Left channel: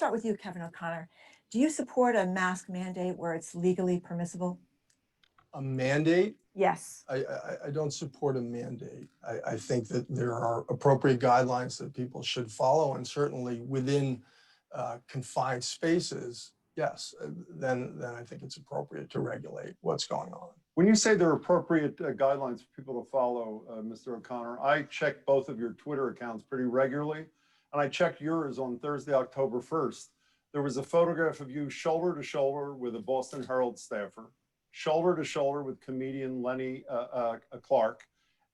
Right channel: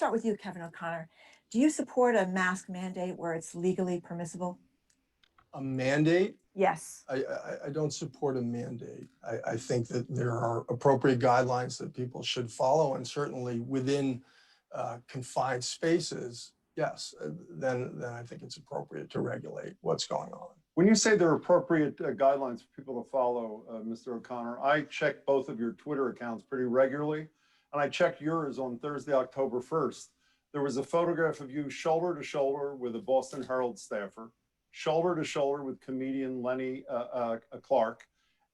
start with you, Kevin O'Connor. Do you support a mask mandate where it's legally permissible? A mandate? Yes. I don't support a mandate. I think that there are appropriate guidelines that people should follow, and certainly within confined spaces, yes, then I think it's appropriate to regulate what's going on. When you say there are appropriate guidelines for people to follow, Mr. O'Connor, I check both of your Twitter accounts pretty regularly, and I checked yours on Thursday, October 1st. There was a photograph of you shoulder to shoulder with a Boston Herald staffer, shoulder to shoulder with comedian Lenny Clark,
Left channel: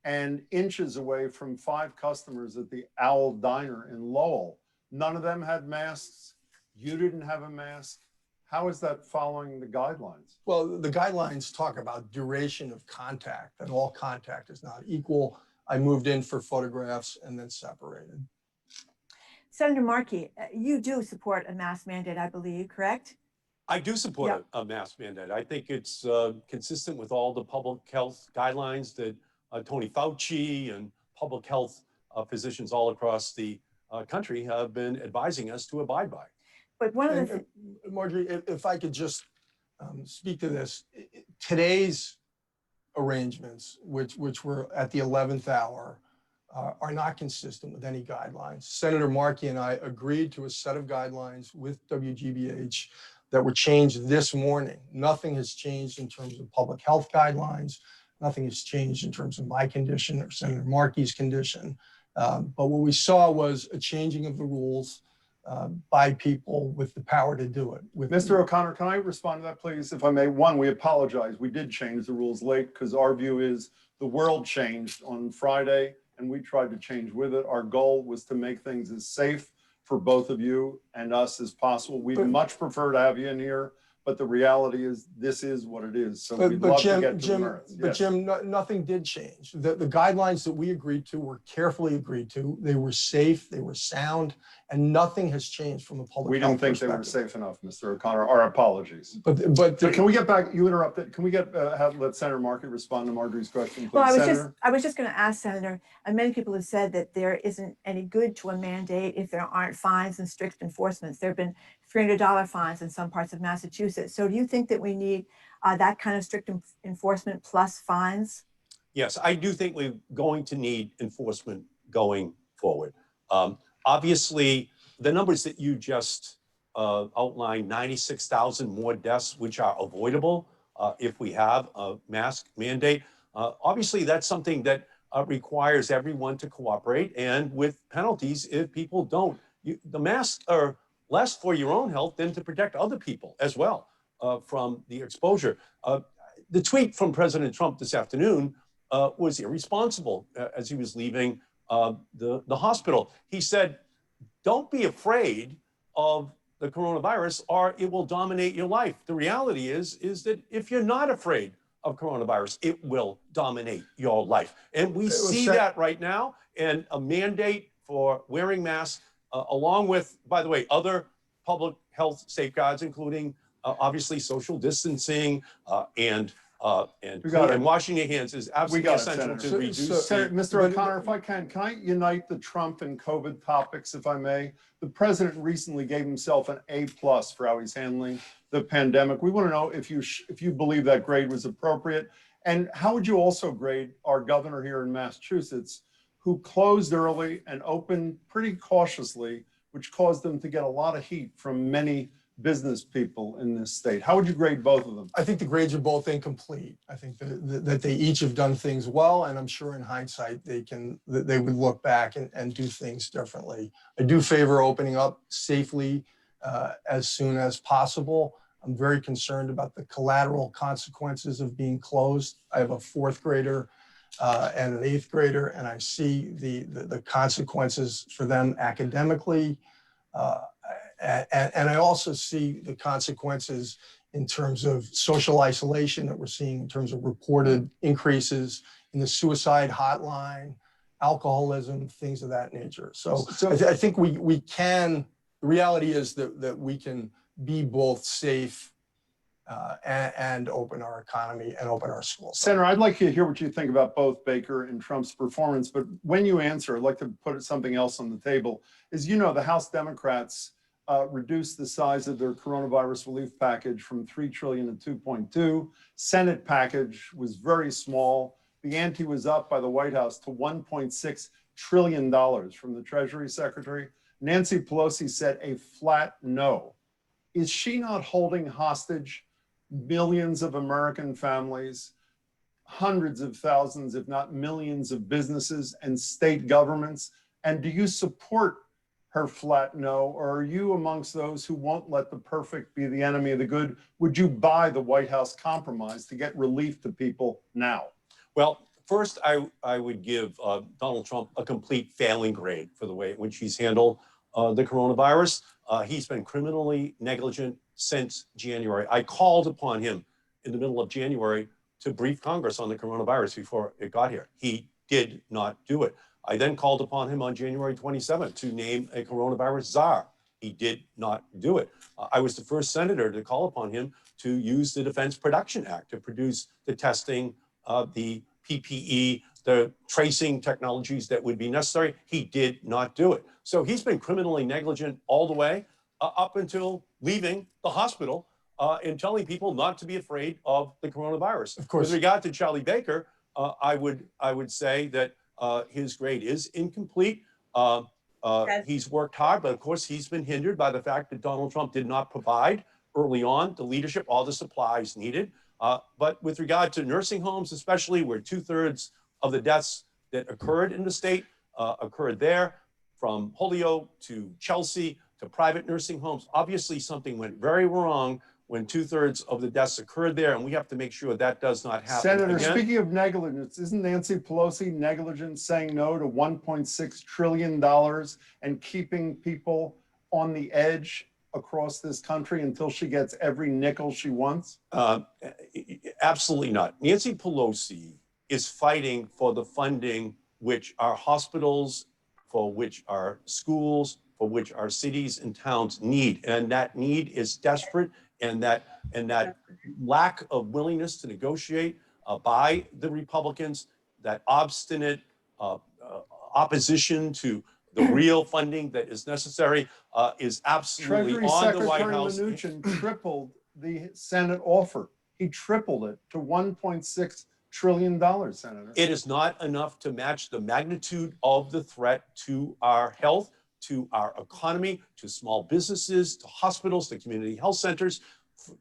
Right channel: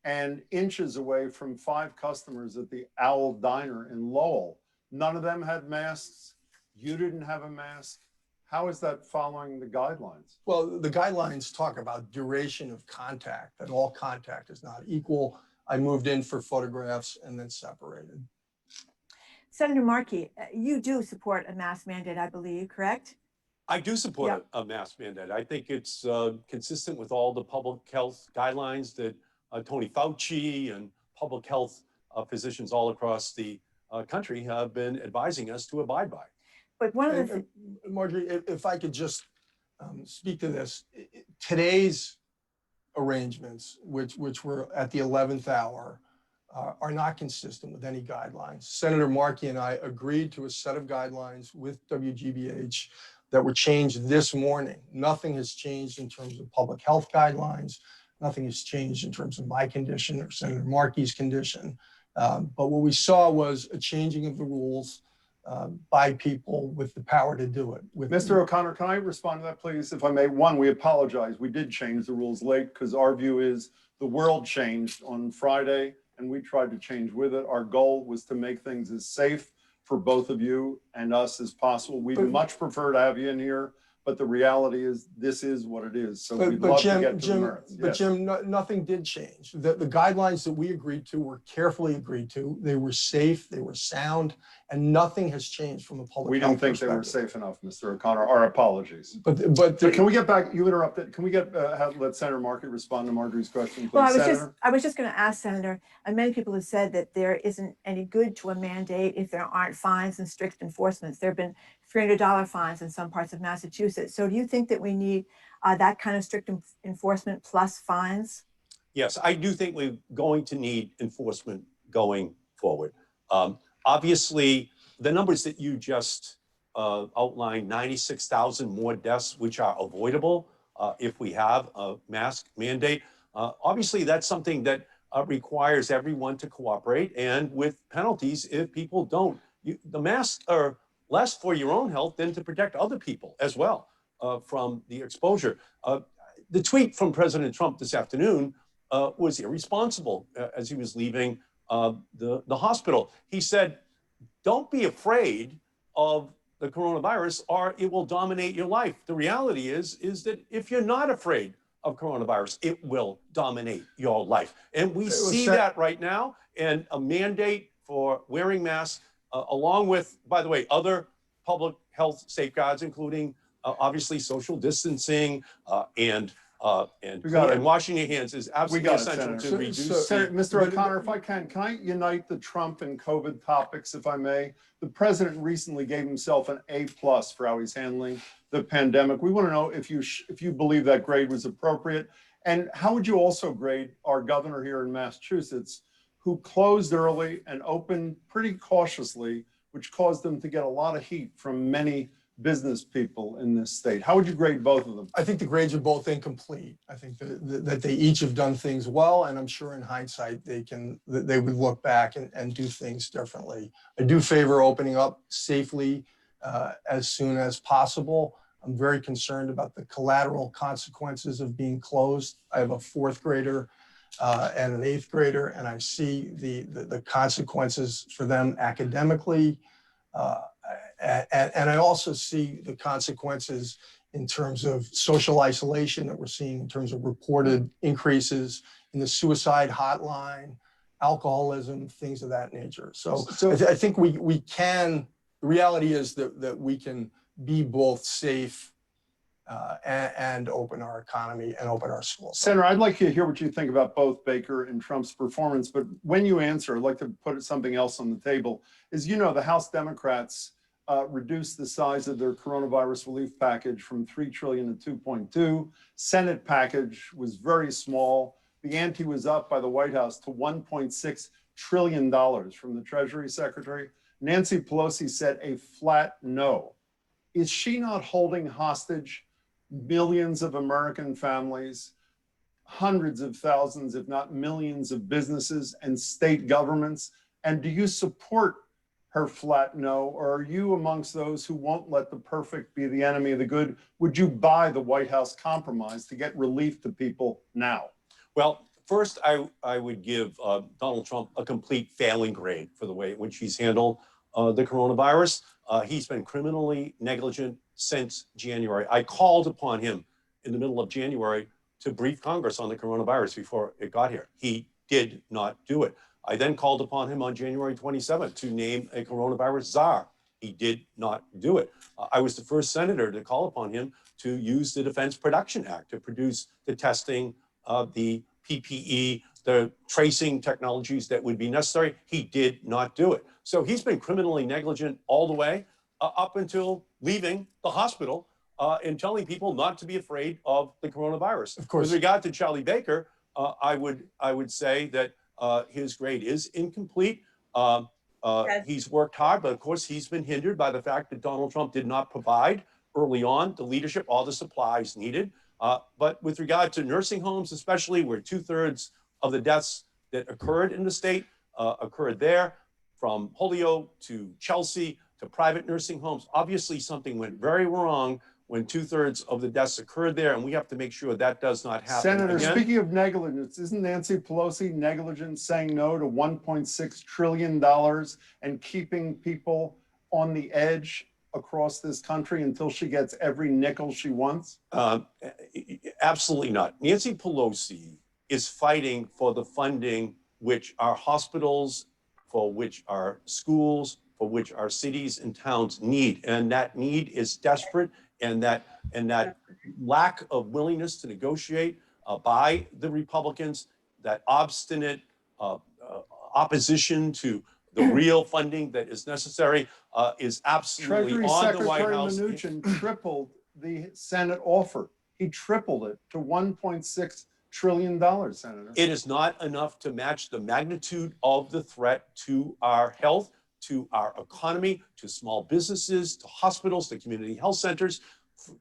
and inches away from 5 customers at the Owl Diner in Lowell. None of them had masks. You didn't have a mask. How is that following the guidelines? Well, the guidelines talk about duration of contact, that all contact is not equal. I moved in for photographs and then separated. Senator Markey, you do support a mask mandate, I believe, correct? I do support a mask mandate. I think it's consistent with all the public health guidelines that Tony Fauci and public health physicians all across the country have been advising us to abide by. But one of the Marjorie, if I could just speak to this, today's arrangements, which were at the 11th hour, are not consistent with any guidelines. Senator Markey and I agreed to a set of guidelines with WGBH that were changed this morning. Nothing has changed in terms of public health guidelines. Nothing has changed in terms of my condition or Senator Markey's condition. But what we saw was a changing of the rules by people with the power to do it. Mr. O'Connor, can I respond to that, please? If I may, one, we apologize. We did change the rules late because our view is the world changed on Friday and we tried to change with it. Our goal was to make things as safe for both of you and us as possible. We'd much prefer to have you in here, but the reality is this is what it is. So we'd love to get to the merits. But Jim, nothing did change. The guidelines that we agreed to were carefully agreed to. They were safe, they were sound, and nothing has changed from a public health perspective. We don't think they were safe enough, Mr. O'Connor. Our apologies. But so can we get back? You interrupted. Can we get let Senator Markey respond to Marjorie's question, please? Well, I was just going to ask, Senator, and many people have said that there isn't any good to a mandate if there aren't fines and strict enforcements. There have been $300 fines in some parts of Massachusetts. So do you think that we need that kind of strict enforcement plus fines? Yes, I do think we're going to need enforcement going forward. Obviously, the numbers that you just outlined, 96,000 more deaths, which are avoidable if we have a mask mandate. Obviously, that's something that requires everyone to cooperate, and with penalties if people don't. The masks are less for your own health than to protect other people as well from the exposure. The tweet from President Trump this afternoon was irresponsible as he was leaving the hospital. He said, don't be afraid of the coronavirus or it will dominate your life. The reality is that if you're not afraid of coronavirus, it will dominate your life. And we see that right now, and a mandate for wearing masks along with, by the way, other public health safeguards, including obviously social distancing and washing your hands is absolutely essential to reduce. Mr. O'Connor, if I can I unite the Trump and COVID topics, if I may? The president recently gave himself an A+ for how he's handling the pandemic. We want to know if you believe that grade was appropriate, and how would you also grade our governor here in Massachusetts, who closed early and opened pretty cautiously, which caused them to get a lot of heat from many business people in this state? How would you grade both of them? I think the grades are both incomplete. I think that they each have done things well, and I'm sure in hindsight they would look back and do things differently. I do favor opening up safely as soon as possible. I'm very concerned about the collateral consequences of being closed. I have a 4th grader and an 8th grader, and I see the consequences for them academically. And I also see the consequences in terms of social isolation that we're seeing in terms of reported increases in the suicide hotline, alcoholism, things of that nature. So I think we can, the reality is that we can be both safe and open our economy and open our schools. Senator, I'd like to hear what you think about both Baker and Trump's performance, but when you answer, I'd like to put something else on the table. As you know, the House Democrats reduced the size of their coronavirus relief package from 3 trillion to 2.2. Senate package was very small. The ante was up by the White House to $1.6 trillion from the Treasury Secretary. Nancy Pelosi said a flat no. Is she not holding hostage millions of American families, hundreds of thousands, if not millions of businesses and state governments? And do you support her flat no, or are you amongst those who won't let the perfect be the enemy of the good? Would you buy the White House compromise to get relief to people now? Well, first, I would give Donald Trump a complete failing grade for the way in which he's handled the coronavirus. He's been criminally negligent since January. I called upon him in the middle of January to brief Congress on the coronavirus before it got here. He did not do it. I then called upon him on January 27th to name a coronavirus czar. He did not do it. I was the first senator to call upon him to use the Defense Production Act to produce the testing, the PPE, the tracing technologies that would be necessary. He did not do it. So he's been criminally negligent all the way up until leaving the hospital and telling people not to be afraid of the coronavirus. Of course. With regard to Charlie Baker, I would say that his grade is incomplete. He's worked hard, but of course he's been hindered by the fact that Donald Trump did not provide early on the leadership, all the supplies needed. But with regard to nursing homes, especially where 2/3 of the deaths that occurred in the state occurred there, from Holyoke to Chelsea to private nursing homes, obviously something went very wrong when 2/3 of the deaths occurred there, and we have to make sure that does not happen Senator, again. speaking of negligence, isn't Nancy Pelosi negligent saying no to $1.6 trillion and keeping people on the edge across this country until she gets every nickel she wants? Absolutely not. Nancy Pelosi is fighting for the funding which our hospitals, for which our schools, for which our cities and towns need. And that need is desperate. And that lack of willingness to negotiate by the Republicans, that obstinate opposition to the real funding that is necessary is absolutely Treasury on the White Secretary House. Mnuchin tripled the Senate offer. He tripled it to $1.6 trillion, Senator. It is not enough to match the magnitude of the threat to our health, to our economy, to small businesses, to hospitals, to community health centers,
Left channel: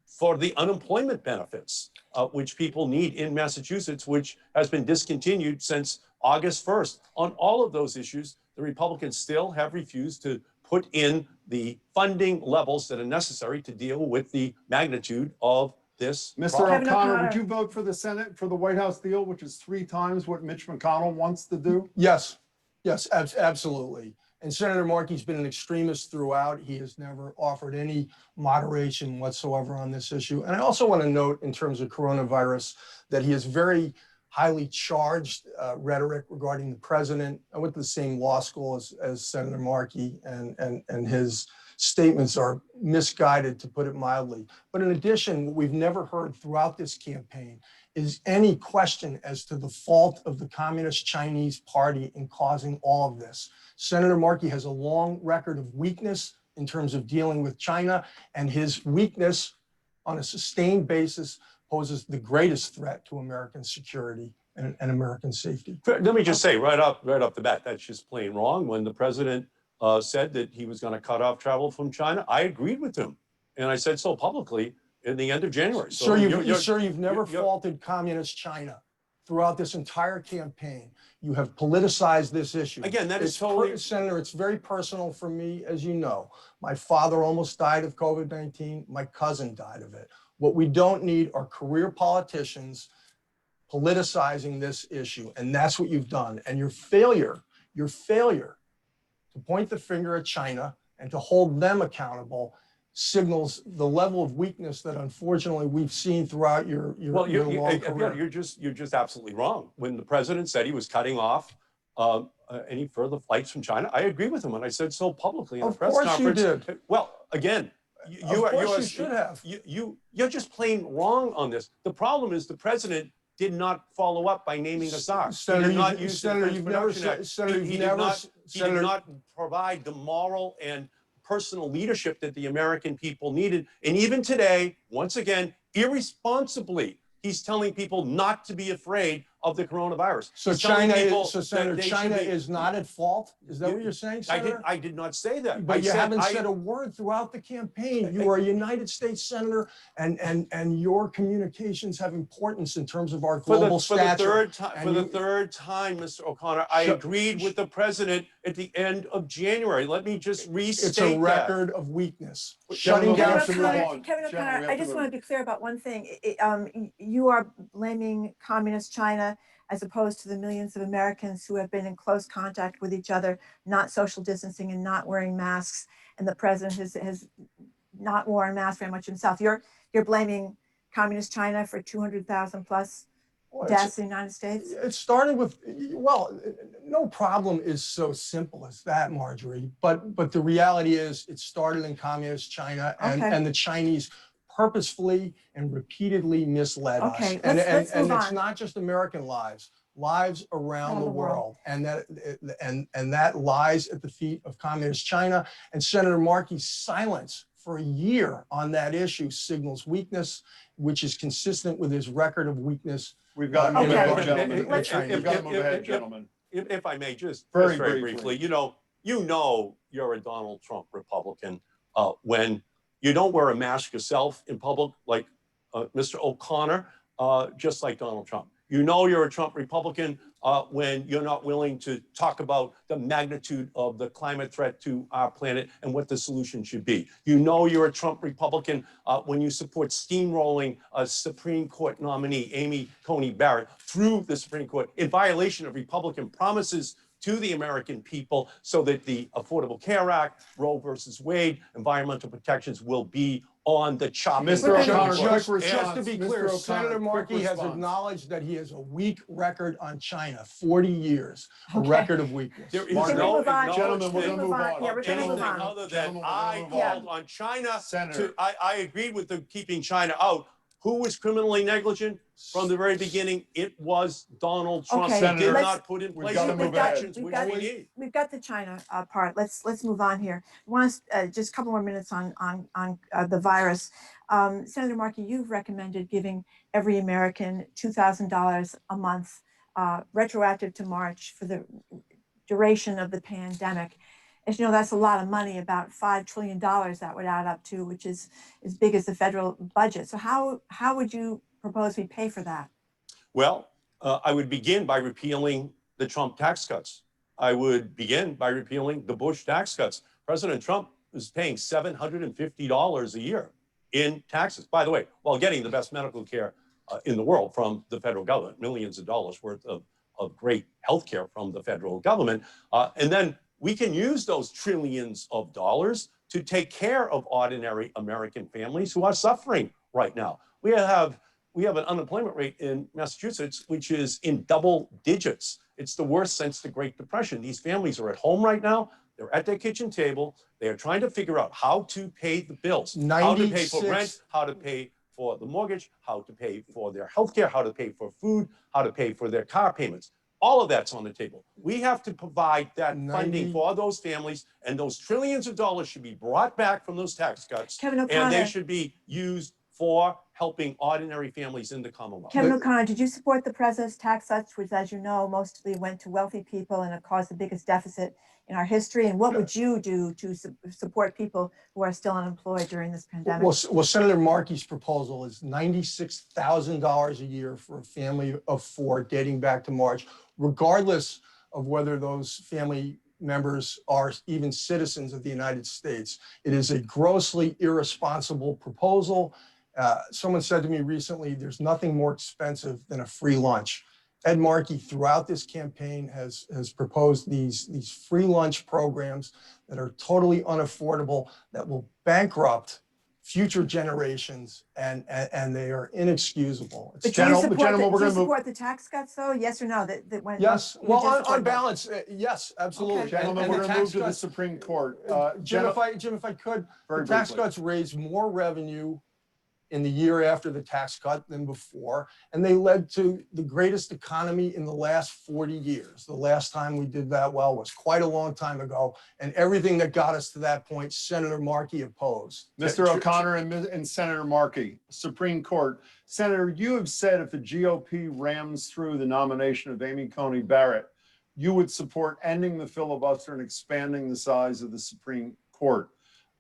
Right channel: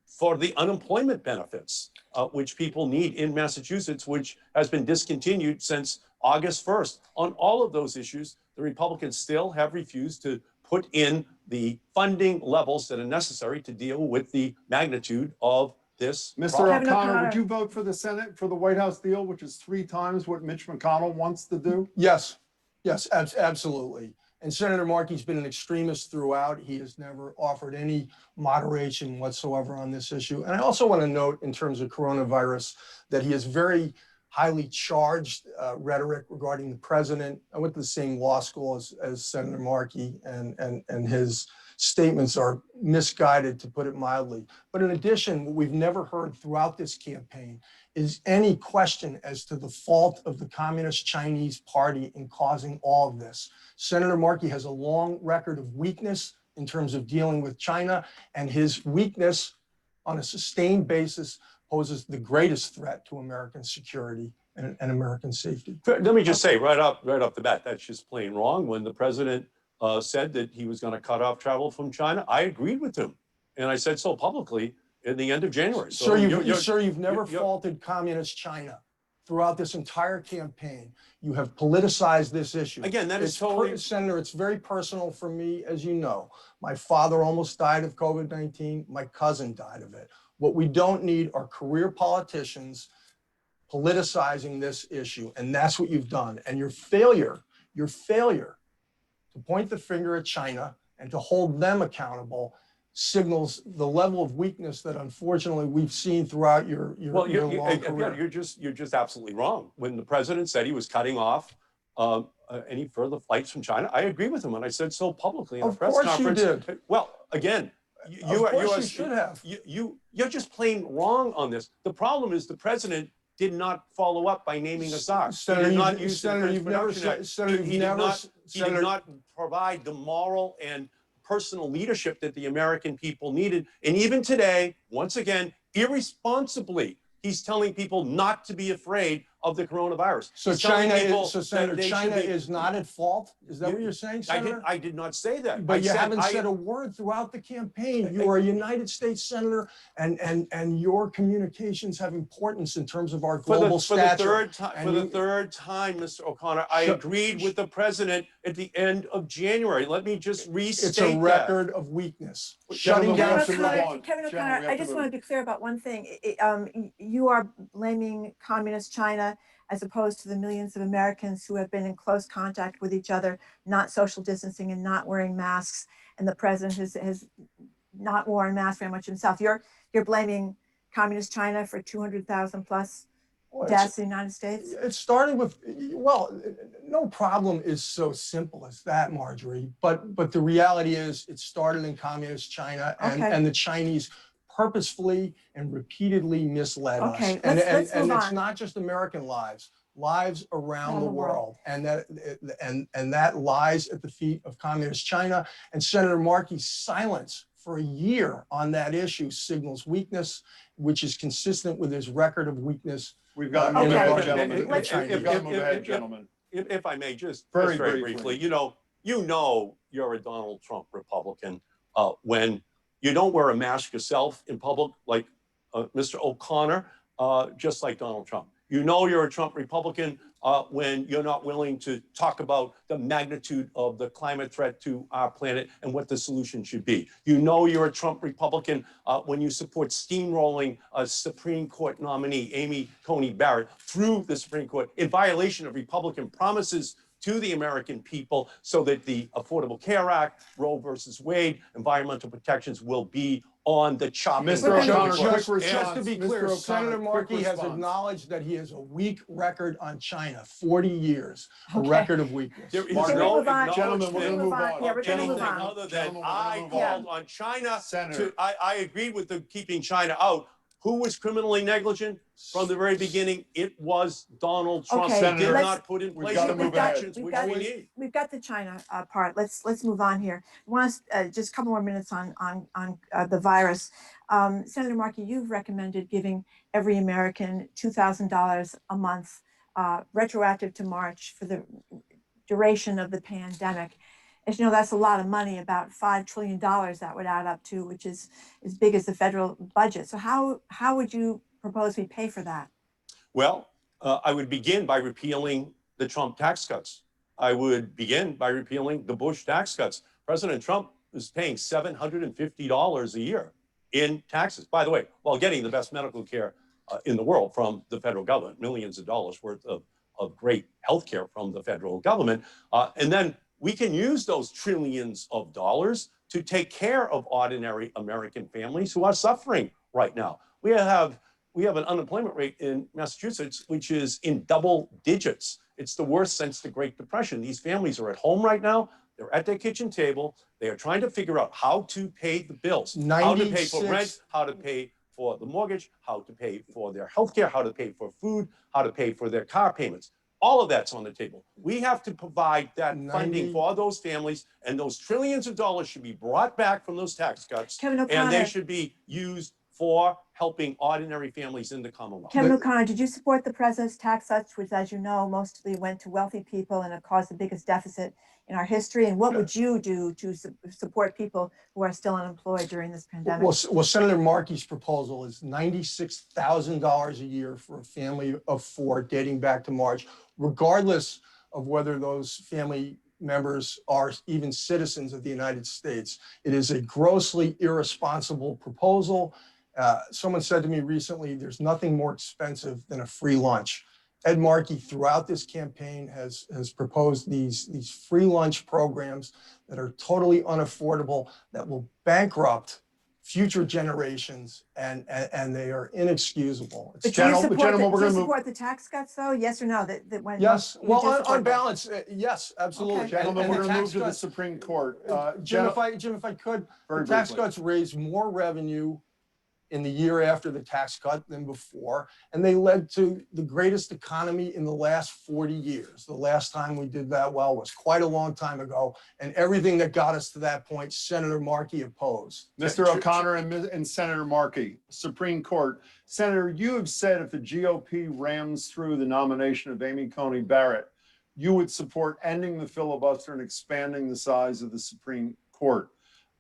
for the unemployment benefits, which people need in Massachusetts, which has been discontinued since August 1st. On all of those issues, the Republicans still have refused to put in the funding levels that are necessary to deal with the magnitude of this Mr. problem. O'Connor, would you vote for the Senate, for the White House deal, which is 3 times what Mitch McConnell wants to do? Yes, yes, absolutely. And Senator Markey's been an extremist throughout. He has never offered any moderation whatsoever on this issue. And I also want to note, in terms of coronavirus, that he has very highly charged rhetoric regarding the president. I went to the same law school as Senator Markey, and his statements are misguided, to put it mildly. But in addition, what we've never heard throughout this campaign is any question as to the fault of the Communist Chinese Party in causing all of this. Senator Markey has a long record of weakness in terms of dealing with China, and his weakness on a sustained basis poses the greatest threat to American security and American safety. Let me just say right off the bat, that's just plain wrong. When the president said that he was going to cut off travel from China, I agreed with him. And I said so publicly in the end of January. So you've never faulted Communist China throughout this entire campaign. You have politicized this issue. Again, that is totally... Senator, it's very personal for me, as you know. My father almost died of COVID-19. My cousin died of it. What we don't need are career politicians politicizing this issue. And that's what you've done. And your failure to point the finger at China and to hold them accountable signals the level of weakness that unfortunately we've seen throughout your long career. You're just absolutely wrong. When the president said he was cutting off any further flights from China, I agree with him, and I said so publicly in a press conference. Of course you did. Well, again, you should have. You're just plain wrong on this. The problem is the president did not follow up by naming a czar. Senator, he did you've never provide the moral and personal leadership that the American people needed. And even today, once again, irresponsibly, he's telling people not to be afraid of the coronavirus. So He's telling people so that Senator, they should China be- is not at fault? Is that You- what you're saying, I Senator? did not say that. But I you said haven't I- said a word throughout the campaign. You are a United States Senator, and your communications have importance in terms of our global for the stature. third time, And for the you- third time, Mr. O'Connor, I Shut- agreed with the president at the end of January. Let me just restate It's a record of weakness. Shutting Gentlemen, we down have to move flight. on. Kevin Gentlemen, O'Connor, we have I to just move. want to be clear about one thing. You are blaming communist China as opposed to the millions of Americans who have been in close contact with each other, not social distancing and not wearing masks. And the president has not worn a mask very much himself. You're blaming communist China for 200,000 plus Well, deaths in the United States. It started with, well, no problem is so simple as that, Marjorie. But the reality is it started in communist China, Okay. and the Chinese purposefully and repeatedly misled us. Okay, And, let's and move it's on. not just American lives around Around the the world. world. And that lies at the feet of communist China. And Senator Markey's silence for a year on that issue signals weakness, which is consistent with his record of weakness. We've got to Okay. move ahead, Okay. gentlemen. If- We've got to move ahead, gentlemen. If I may, just Very very briefly. briefly, you know you're a Donald Trump Republican when you don't wear a mask yourself in public, like Mr. O'Connor, just like Donald Trump. You know you're a Trump Republican when you're not willing to talk about the magnitude of the climate threat to our planet and what the solution should be. You know you're a Trump Republican when you support steamrolling a Supreme Court nominee, Amy Coney Barrett, through the Supreme Court in violation of Republican promises to the American people so that the Affordable Care Act, Roe versus Wade, environmental protections will be on the chopping Mr. block. O'Connor, Just, quick just to response. be Mr. clear, O'Connor, Senator quick Markey has response. acknowledged that he has a weak record on China, 40 years, a Okay. record of weakness. There is Margaret, no move on? Gentlemen, we're going to Move move on. on. Yeah, we're gonna move anything on. other than Gentlemen, we're I gonna move called on. on China Senator. I agreed with the keeping China out. Who was criminally negligent from the very beginning? It was Donald Trump. Okay, He Senator, did let's- not put in we've place gotta the move ahead. protections which we need. We've got the China part. Let's move on here. I want us just a couple more minutes on the virus. Senator Markey, you've recommended giving every American $2,000 a month, retroactive to March for the duration of the pandemic. As you know, that's a lot of money, about $5 trillion that would add up to, which is as big as the federal budget. So how would you propose we pay for that? Well, I would begin by repealing the Trump tax cuts. I would begin by repealing the Bush tax cuts. President Trump is paying $750 a year in taxes, by the way, while getting the best medical care in the world from the federal government, millions of dollars worth of great health care from the federal government. And then we can use those trillions of dollars to take care of ordinary American families who are suffering right now. We have an unemployment rate in Massachusetts, which is in double digits. It's the worst since the Great Depression. These families are at home right now. They're at their kitchen table. They are trying to figure out how to pay the bills, how to pay for rent, 96 how to pay for the mortgage, how to pay for their health care, how to pay for food, how to pay for their car payments. All of that's on the table. We have to provide that funding for those families, and those trillions of dollars should be brought back from those tax cuts, Kevin and they O'Connor, should be used for helping ordinary families in the Commonwealth. Kevin O'Connor, did you support the president's tax cuts, which, as you know, mostly went to wealthy people and it caused the biggest deficit in our history? And what would you do to support people who are still unemployed during this pandemic? Well, Senator Markey's proposal is $96,000 a year for a family of four dating back to March, regardless of whether those family members are even citizens of the United States. It is a grossly irresponsible proposal. Someone said to me recently, there's nothing more expensive than a free lunch. Ed Markey, throughout this campaign, has proposed these free lunch programs that are totally unaffordable, that will bankrupt future generations, and they are inexcusable. But do you Gentlemen, support the tax cuts, though? Yes or no? That went. Yes, you well, do support on that? balance, yes, absolutely. Okay. Gentlemen, And we're the going to move tax to the cuts- Supreme Court. Jim, if I could, Very the tax briefly. cuts raise more revenue in the year after the tax cut than before, and they led to the greatest economy in the last 40 years. The last time we did that well was quite a long time ago, and everything that got us to that point, Senator Markey opposed. Mr. O'Connor and Senator Markey, Supreme Court. Senator, you have said if the GOP rams through the nomination of Amy Coney Barrett, you would support ending the filibuster and expanding the size of the Supreme Court.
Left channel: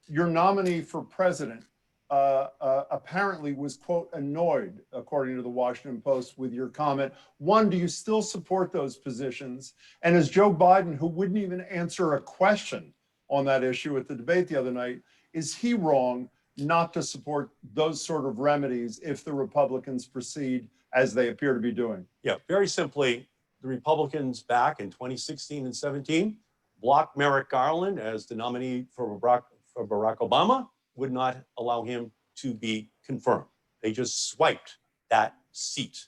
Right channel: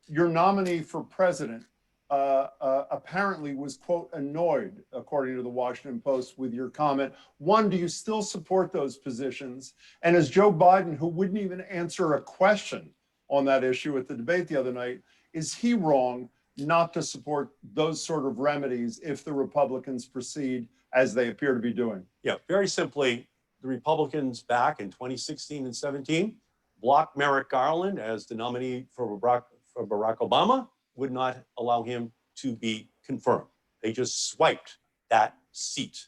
Your nominee for president apparently was, quote, annoyed, according to the Washington Post, with your comment. One, do you still support those positions? And as Joe Biden, who wouldn't even answer a question on that issue at the debate the other night, is he wrong not to support those sort of remedies if the Republicans proceed as they appear to be doing? Yeah, very simply, the Republicans back in 2016 and 17 blocked Merrick Garland as the nominee for Barack Obama, would not allow him to be confirmed. They just swiped that seat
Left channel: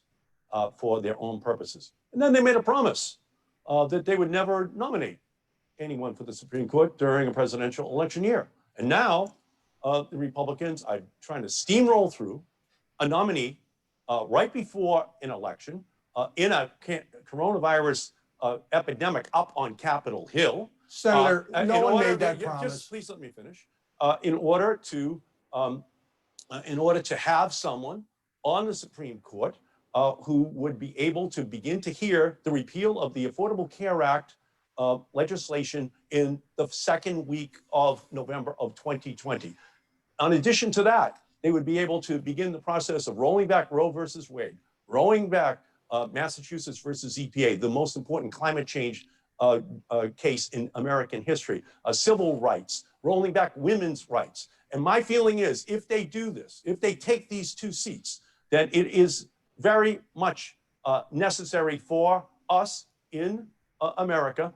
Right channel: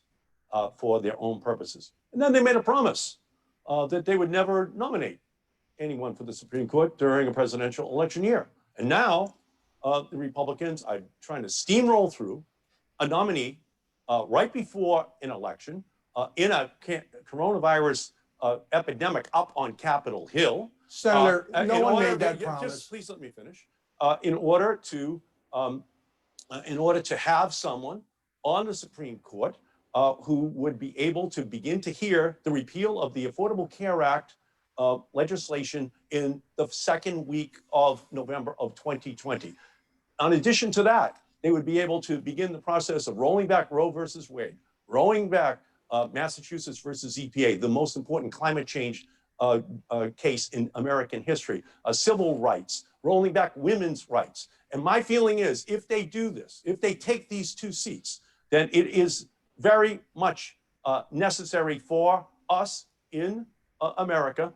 for their own purposes. And then they made a promise that they would never nominate anyone for the Supreme Court during a presidential election year. And now the Republicans are trying to steamroll through a nominee right before an election in a coronavirus epidemic up on Capitol Hill. Senator, no one made that promise. Just please let me finish. In order to have someone on the Supreme Court who would be able to begin to hear the repeal of the Affordable Care Act legislation in the second week of November of 2020. In addition to that, they would be able to begin the process of rolling back Roe versus Wade, rolling back Massachusetts versus EPA, the most important climate change case in American history, civil rights, rolling back women's rights. And my feeling is, if they do this, if they take these two seats, then it is very much necessary for us in America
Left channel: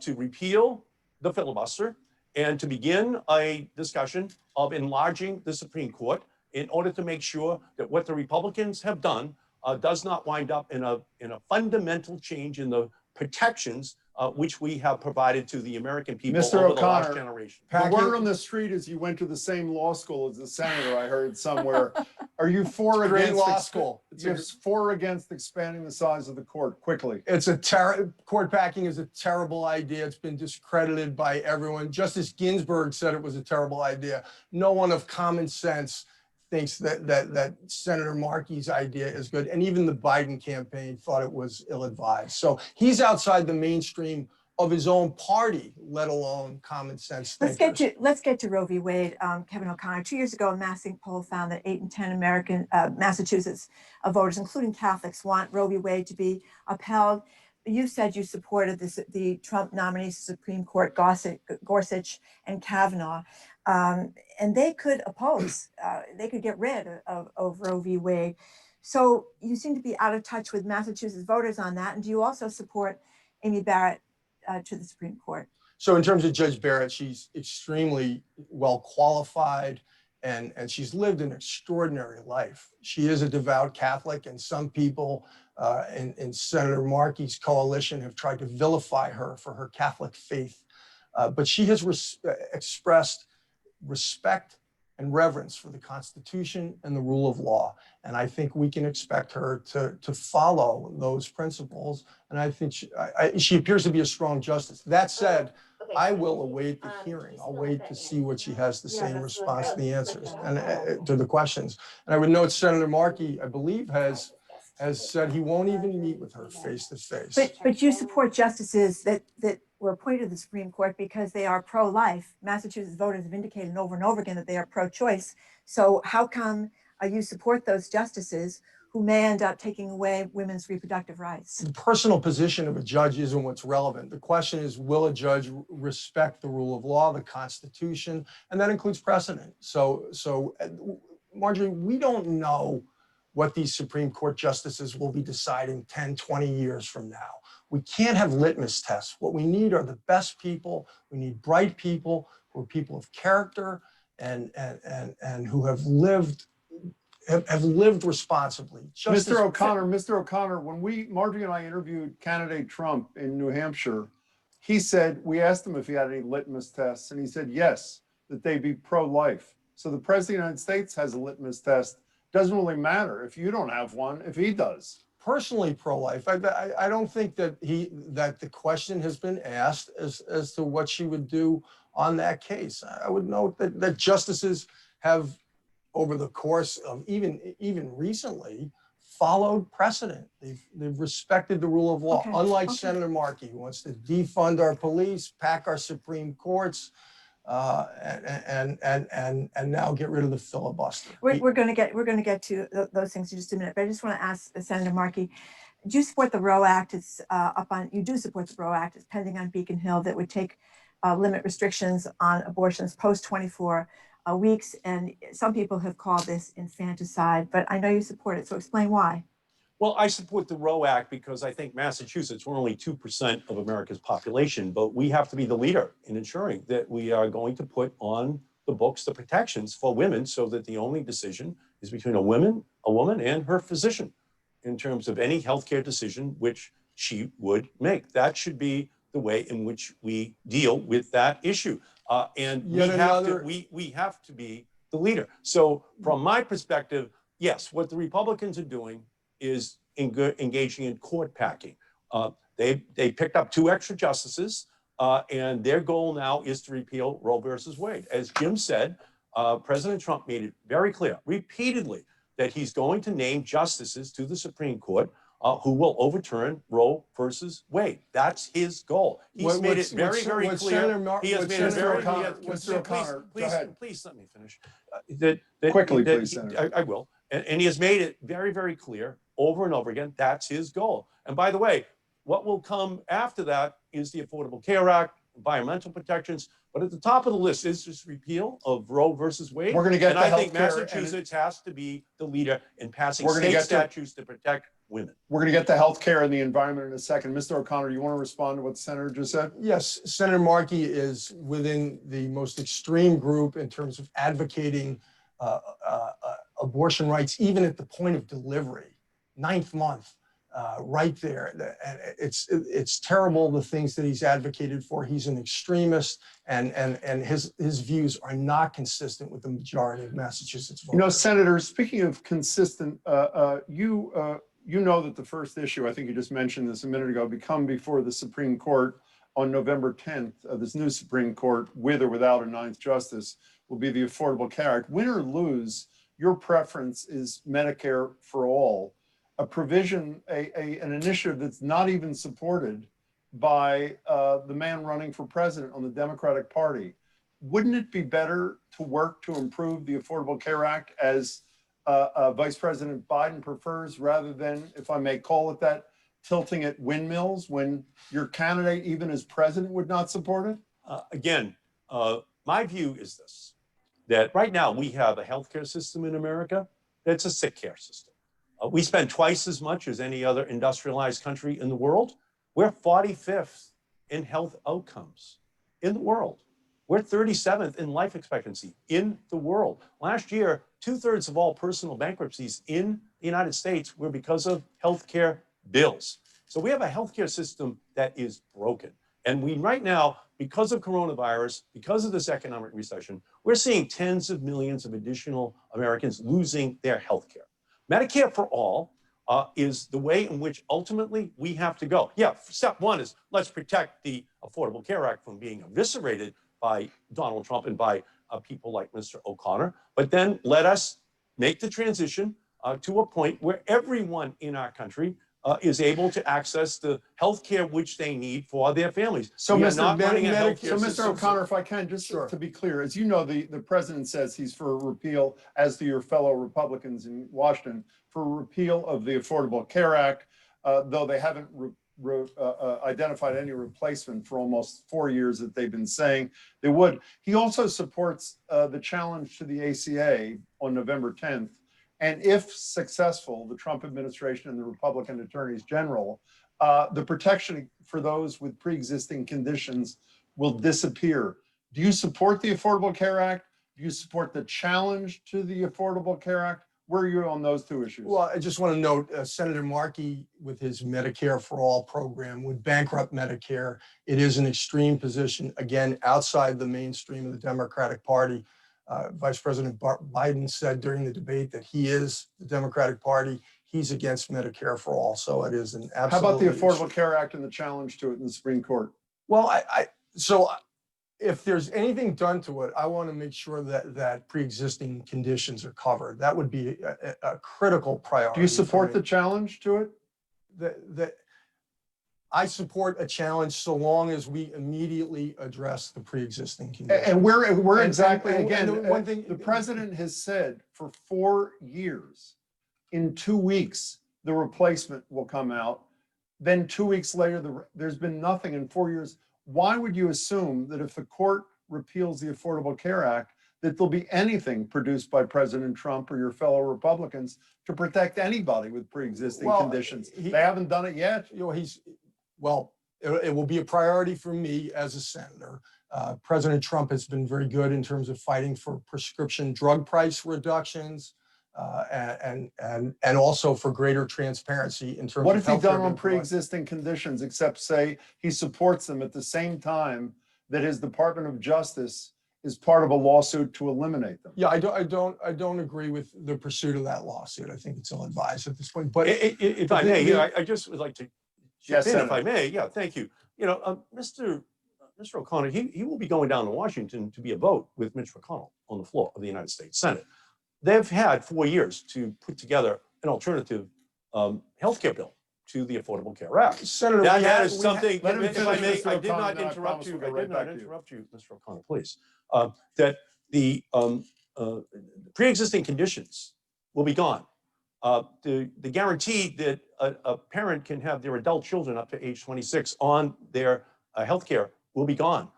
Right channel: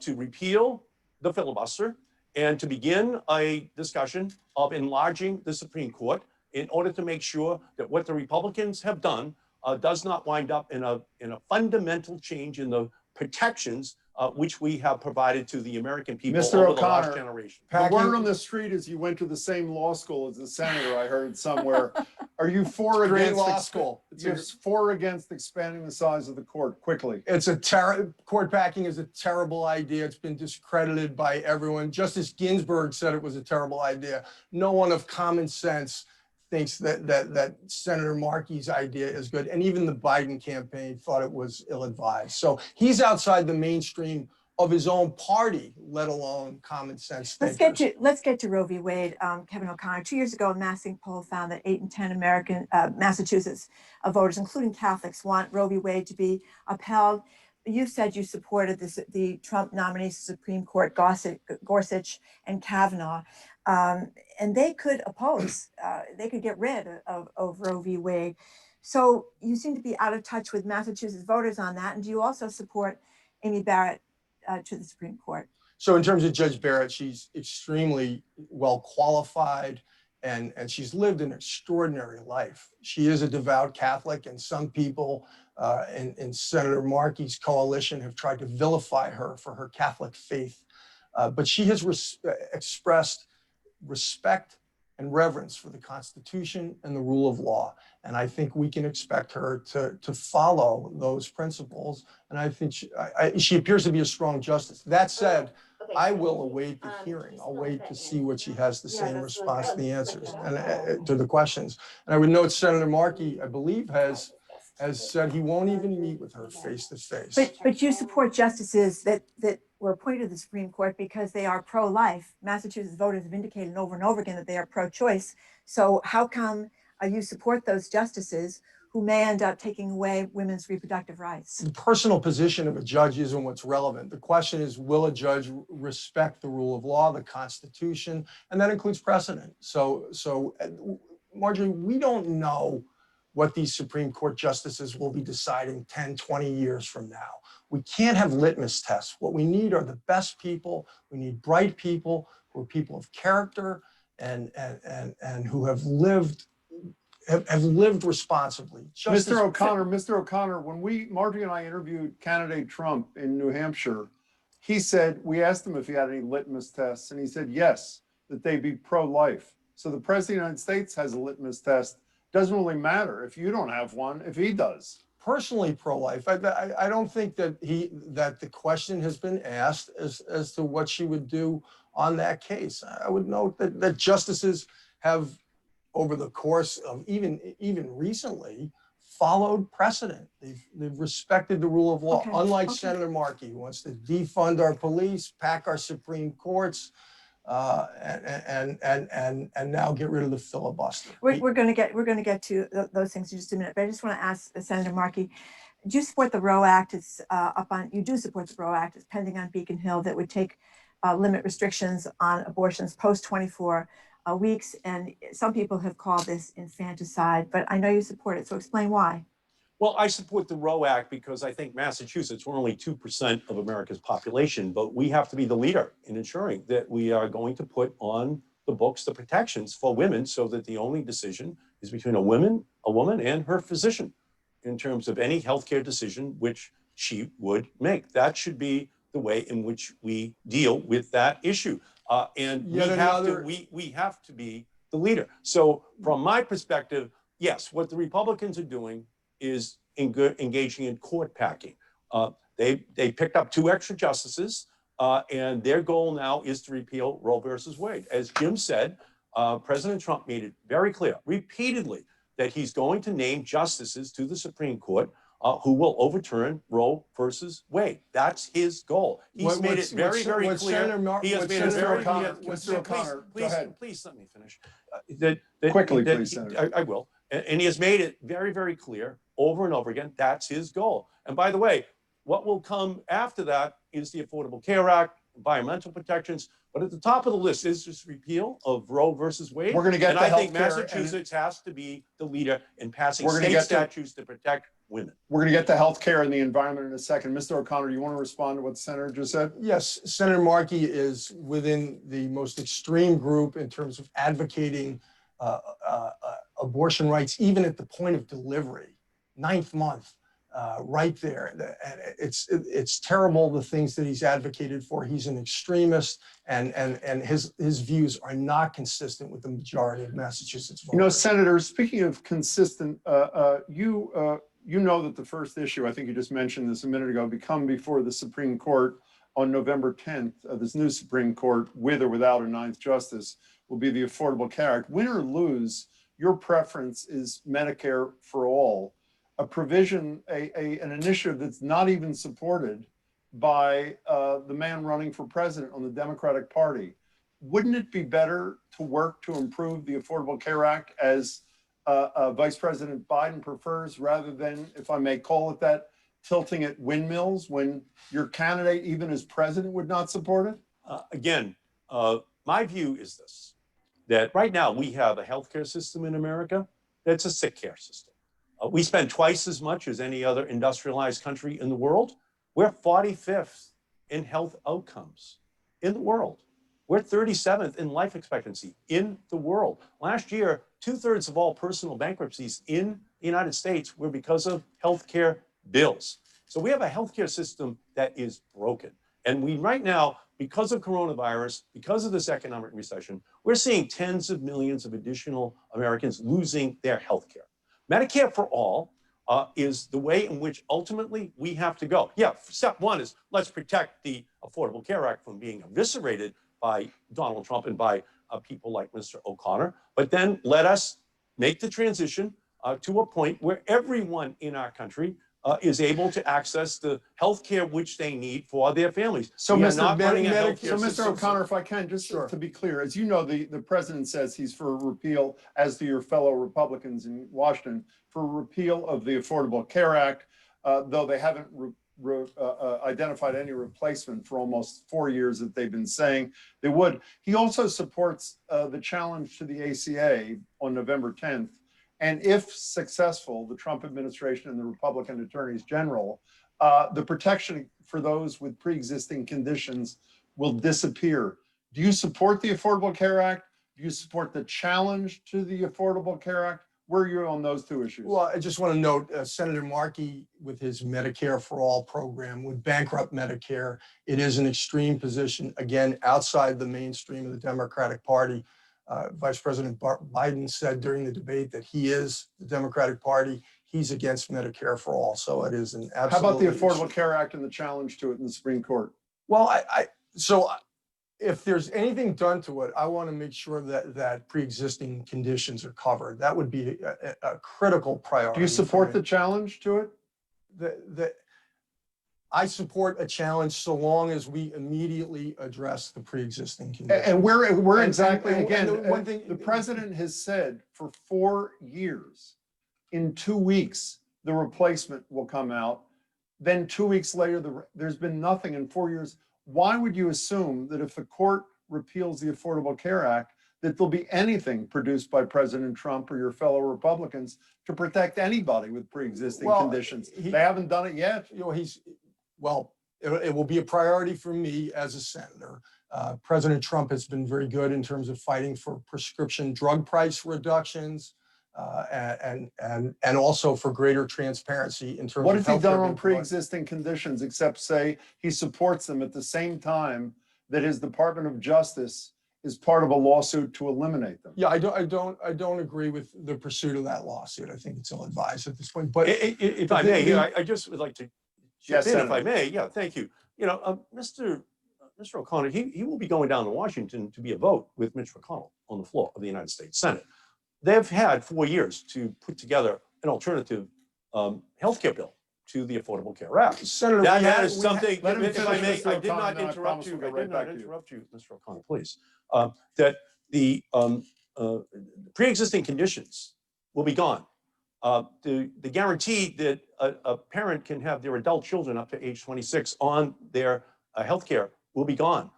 to repeal the filibuster and to begin a discussion of enlarging the Supreme Court in order to make sure that what the Republicans have done does not wind up in a fundamental change in the protections which we have provided to the American people Mr. over O'Connor, the last generation. The word on the street is you went to the same law school as the senator, I heard somewhere. Are you for or Great against law school. You're for or against expanding the size of the court quickly? It's court packing is a terrible idea. It's been discredited by everyone. Justice Ginsburg said it was a terrible idea. No one of common sense thinks that Senator Markey's idea is good. And even the Biden campaign thought it was ill-advised. So he's outside the mainstream of his own party, let alone common sense thinkers. Let's get to Roe v. Wade, Kevin O'Connor. 2 years ago, a Massing poll found that 8 in 10 Massachusetts voters, including Catholics, want Roe v. Wade to be upheld. You said you supported the Trump nominees to Supreme Court, Gorsuch and Kavanaugh, and they could oppose. They could get rid of Roe v. Wade. So you seem to be out of touch with Massachusetts voters on that. And do you also support Amy Barrett to the Supreme Court? So in terms of Judge Barrett, she's extremely well qualified and she's lived an extraordinary life. She is a devout Catholic, and some people in Senator Markey's coalition have tried to vilify her for her Catholic faith. But she has expressed respect and reverence for the Constitution and the rule of law. And I think we can expect her to follow those principles. And I think she appears to be a strong justice. That said, I will await the hearing. I'll wait to see what she has to say in response to the answers and to the questions. And I would note Senator Markey, I believe, has said he won't even meet with her face to face. But you support justices that were appointed to the Supreme Court because they are pro-life. Massachusetts voters have indicated over and over again that they are pro-choice. So how come you support those justices who may end up taking away women's reproductive rights? The personal position of a judge isn't what's relevant. The question is, will a judge respect the rule of law, the Constitution, and that includes precedent. So Marjorie, we don't know what these Supreme Court justices will be deciding 10, 20 years from now. We can't have litmus tests. What we need are the best people. We need bright people who are people of character and who have lived responsibly. Mr. O'Connor, when Marjorie and I interviewed candidate Trump in New Hampshire, he said, we asked him if he had any litmus tests, and he said yes, that they be pro-life. So the president of the United States has a litmus test. Doesn't really matter if you don't have one, if he does. Personally pro-life. I don't think that the question has been asked as to what she would do on that case. I would note that justices have, over the course of even recently, followed precedent. They've respected the rule of law. Okay, Unlike okay. Senator Markey, who wants to defund our police, pack our Supreme Courts, and now get rid of the filibuster. We're going to get to those things in just a minute, but I just want to ask Senator Markey, do you support the Roe Act? It's you do support the Roe Act. It's pending on Beacon Hill that would take limit restrictions on abortions post 24 weeks. And some people have called this infanticide, but I know you support it. So explain why. Well, I support the Roe Act because I think Massachusetts, we're only 2% of America's population, but we have to be the leader in ensuring that we are going to put on the books the protections for women so that the only decision is between a woman and her physician in terms of any healthcare decision which she would make. That should be the way in which we deal with that issue. And we have to be the leader. So from my perspective, yes, what the Republicans are doing is engaging in court packing. They picked up 2 extra justices, and their goal now is to repeal Roe versus Wade. As Jim said, President Trump made it very clear, repeatedly, that he's going to name justices to the Supreme Court who will overturn Roe versus Wade. That's his goal. He's made it very, very clear. He has made it very clear. Mr. O'Connor, go ahead. Please let me finish. Quickly, please, Senator. I will. And he has made it very, very clear over and over again, that's his goal. And by the way, what will come after that is the Affordable Care Act, environmental protections, but at the top of the list is this repeal of Roe versus Wade. We're going to get and the I think healthcare Massachusetts has to be the leader in passing We're gonna state get to- statutes to protect women. We're going to get the health care and the environment in a second. Mr. O'Connor, do you want to respond to what the senator just said? Yes, Senator Markey is within the most extreme group in terms of advocating abortion rights, even at the point of delivery, 9th month, right there. And it's terrible, the things that he's advocated for. He's an extremist, and his views are not consistent with the majority of Massachusetts voters. You know, Senator, speaking of consistent, you know that the first issue, I think you just mentioned this a minute ago, come before the Supreme Court on November 10th, this new Supreme Court, with or without a 9th justice, will be the Affordable Care Act. Win or lose, your preference is Medicare for all, a provision, an initiative that's not even supported by the man running for president on the Democratic Party. Wouldn't it be better to work to improve the Affordable Care Act as Vice President Biden prefers, rather than, if I may call it that, tilting at windmills when your candidate, even as president, would not support it? Again, my view is this, that right now we have a healthcare system in America that's a sick care system. We spend twice as much as any other industrialized country in the world. We're 45th in health outcomes in the world. We're 37th in life expectancy in the world. Last year, 2/3 of all personal bankruptcies in the United States were because of healthcare bills. So we have a healthcare system that is broken. And we right now, because of coronavirus, because of this economic recession, we're seeing tens of millions of additional Americans losing their healthcare. Medicare for all is the way in which ultimately we have to go. Yeah, step one is let's protect the Affordable Care Act from being eviscerated by Donald Trump and by people like Mr. O'Connor. But then let us make the transition to a point where everyone in our country is able to access the health care which they need for their families. So, Mr. O'Connor, if I can, just to be clear, as you know, the president says he's for repeal, as do your fellow Republicans in Washington, for repeal of the Affordable Care Act, though they haven't identified any replacement for almost 4 years that they've been saying they would. He also supports the challenge to the ACA on November 10th. And if successful, the Trump administration and the Republican attorneys general, the protection for those with pre-existing conditions will disappear. Do you support the Affordable Care Act? Do you support the challenge to the Affordable Care Act? Where are you on those two issues? Well, I just want to note Senator Markey, with his Medicare for All program, would bankrupt Medicare. It is an extreme position, again, outside the mainstream of the Democratic Party. Vice President Biden said during the debate that he is the Democratic Party. He's against Medicare for all. So it is an absolute. How about the Affordable Care Act and the challenge to it in the Supreme Court? Well, so if there's anything done to it, I want to make sure that pre-existing conditions are covered. That would be a critical priority. Do you support the challenge to it? I support a challenge so long as we immediately address the pre-existing conditions. And we're And- exactly, and again, one thing- the president has said for 4 years, in 2 weeks, the replacement will come out. Then 2 weeks later, there's been nothing in 4 years. Why would you assume that if the court repeals the Affordable Care Act, that there'll be anything produced by President Trump or your fellow Republicans to protect anybody with pre-existing Well, conditions? he- They haven't done it yet. You know, it will be a priority for me as a senator. President Trump has been very good in terms of fighting for prescription drug price reductions, and also for greater transparency in terms What of has he done healthcare on being provided. pre-existing conditions except say he supports them at the same time that his Department of Justice is part of a lawsuit to eliminate them? Yeah, I don't agree with the pursuit of that lawsuit. I think it's ill-advised at this point. But If I may, I just would like to Yes, chip in, if I Senator. may. Yeah, thank you. You know, Mr. O'Connor, he will be going down to Washington to be a vote with Mitch McConnell on the floor of the United States Senate. They've had 4 years to put together an alternative healthcare bill to the Affordable Care Act. Senator, That is something, let him if I finish, may, Mr. I did O'Connor, not then I interrupt promise you. we'll go I right did back not to you. interrupt you, Mr. O'Connor, please. That the pre-existing conditions will be gone. The guarantee that a parent can have their adult children up to age 26 on their healthcare will be gone.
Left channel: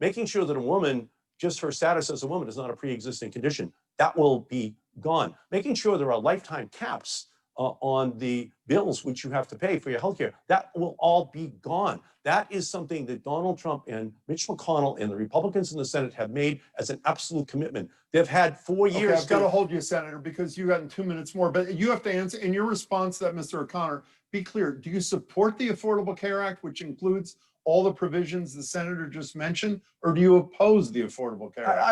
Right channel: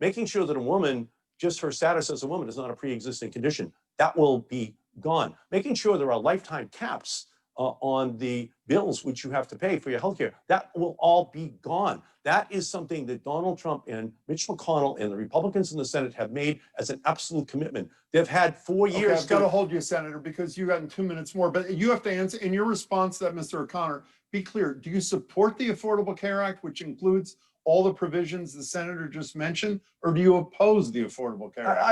Making sure that a woman, just her status as a woman, is not a pre-existing condition, that will be gone. Making sure there are lifetime caps on the bills which you have to pay for your healthcare, that will all be gone. That is something that Donald Trump and Mitch McConnell and the Republicans in the Senate have made as an absolute commitment. They've had 4 Okay, years I've got to to. hold you, Senator, because you got in 2 minutes more, but you have to answer in your response to that, Mr. O'Connor, be clear. Do you support the Affordable Care Act, which includes all the provisions the senator just mentioned, or do you oppose the Affordable Care Act?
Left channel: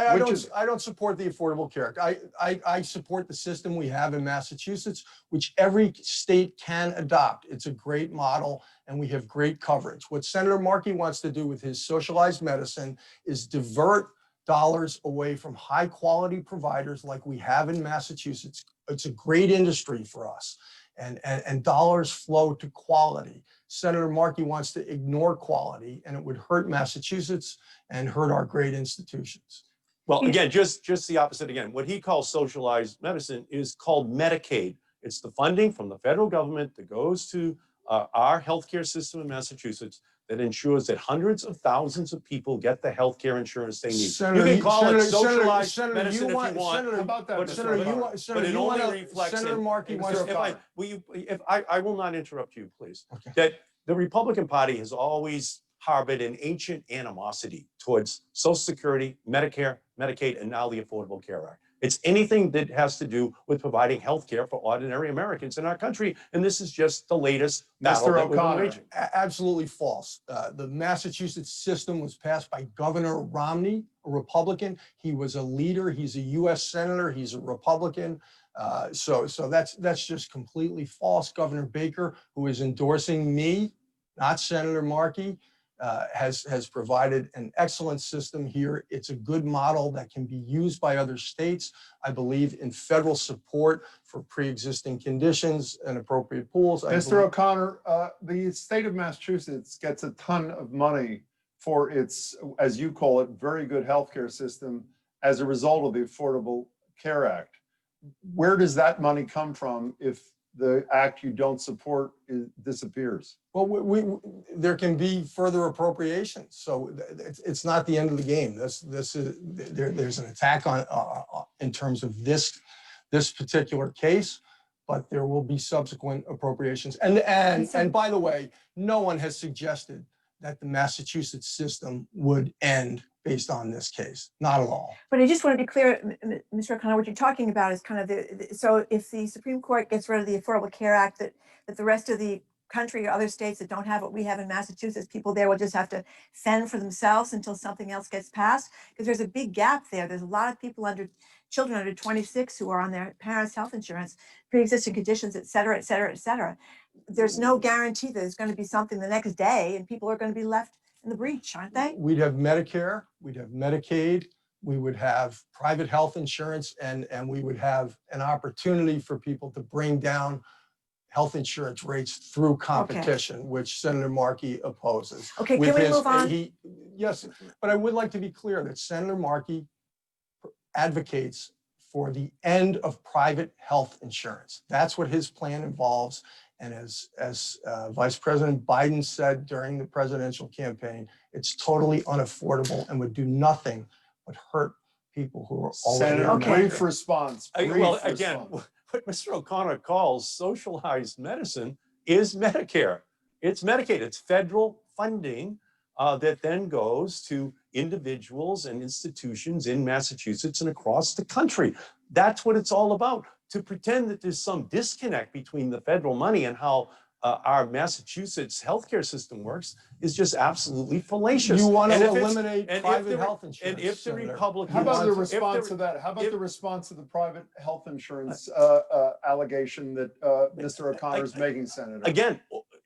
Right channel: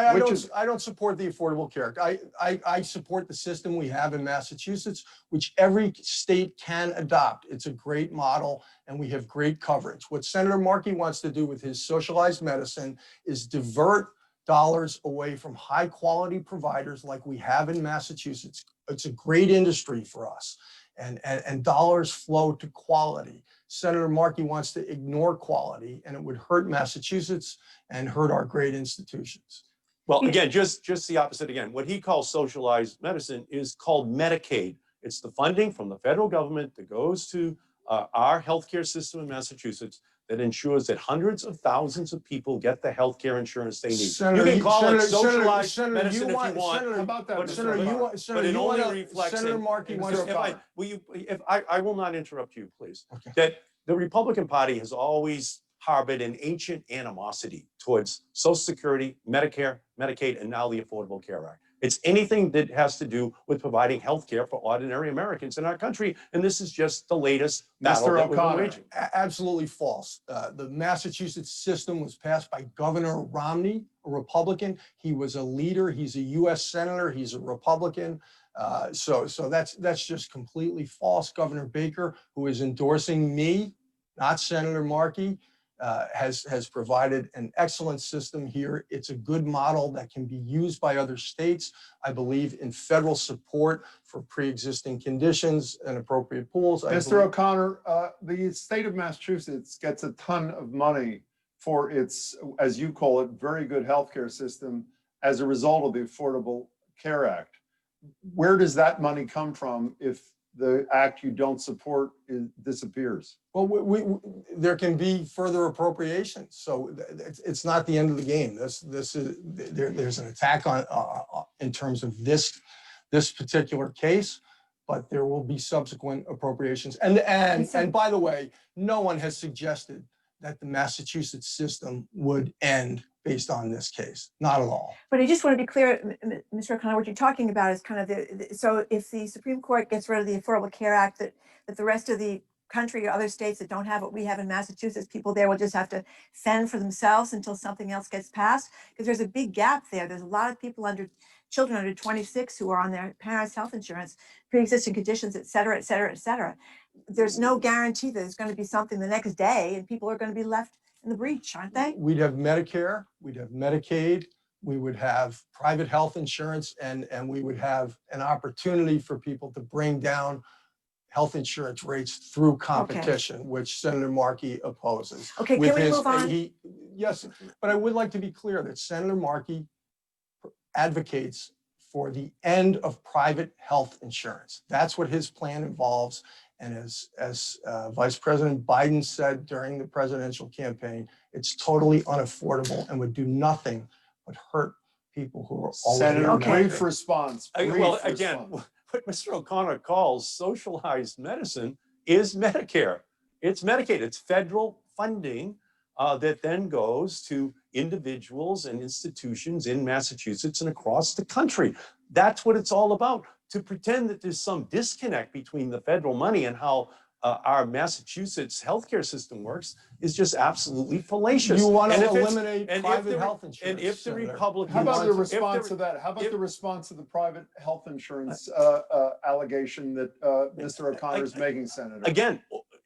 I don't support the Affordable Care Act. I support the system we have in Massachusetts, which every state can adopt. It's a great model, and we have great coverage. What Senator Markey wants to do with his socialized medicine is divert dollars away from high quality providers like we have in Massachusetts. It's a great industry for us, and dollars flow to quality. Senator Markey wants to ignore quality, and it would hurt Massachusetts and hurt our great institutions. Well, again, just the opposite again. What he calls socialized medicine is called Medicaid. It's the funding from the federal government that goes to our healthcare system in Massachusetts that ensures that hundreds of thousands of people get the healthcare insurance they need. Senator, you can call it Senator, socialized Senator, medicine you if want- you want. Senator, How about that, but Mr. Senator, you O'Connor? want, Senator, but it you only want reflects Senator in- Markey wants Mr. to. I will not interrupt you, please. Okay. That the Republican Party has always harbored an ancient animosity towards Social Security, Medicare, Medicaid, and now the Affordable Care Act. It's anything that has to do with providing health care for ordinary Americans in our country. And this is just the latest battle Mr. that we've been O'Connor. waging. Absolutely false. The Massachusetts system was passed by Governor Romney, a Republican. He was a leader. He's a U.S. senator. He's a Republican. So that's just completely false. Governor Baker, who is endorsing me, not Senator Markey, has provided an excellent system here. It's a good model that can be used by other states. I believe in federal support for pre-existing conditions and appropriate pools. Mr. O'Connor, the state of Massachusetts gets a ton of money for its, as you call it, very good healthcare system as a result of the Affordable Care Act. Where does that money come from if the act you don't support disappears? Well, there can be further appropriations, so it's not the end of the game. There's an attack on in terms of this particular case, but there will be subsequent appropriations. And by the way, no one has suggested that the Massachusetts system would end based on this case, not at all. But I just want to be clear, Mr. O'Connor, what you're talking about is kind of so if the Supreme Court gets rid of the Affordable Care Act, that the rest of the country or other states that don't have what we have in Massachusetts, people there will just have to fend for themselves until something else gets passed? Because there's a big gap there. There's a lot of people children under 26 who are on their parents' health insurance, pre-existing conditions, et cetera, et cetera, et cetera. There's no guarantee that there's going to be something the next day and people are going to be left in the breach, aren't they? We'd have Medicare, we'd have Medicaid, we would have private health insurance, and we would have an opportunity for people to bring down health insurance rates through competition, which Senator Markey opposes. Okay, can we move on? Yes, but I would like to be clear that Senator Markey advocates for the end of private health insurance. That's what his plan involves. And as Vice President Biden said during the presidential campaign, it's totally unaffordable and would do nothing but hurt people who are already Senator, on brief Medicare. response. Well, again, what Mr. O'Connor calls socialized medicine is Medicare. It's Medicaid. It's federal funding that then goes to individuals and institutions in Massachusetts and across the country. That's what it's all about. To pretend that there's some disconnect between the federal money and how our Massachusetts healthcare system works is just absolutely fallacious. You want And to if it's- eliminate and if private the- health insurance. And if the Senator. Republicans, How about the if response to that? How about if- the response to the private health insurance allegation that Mr. O'Connor is making, Senator?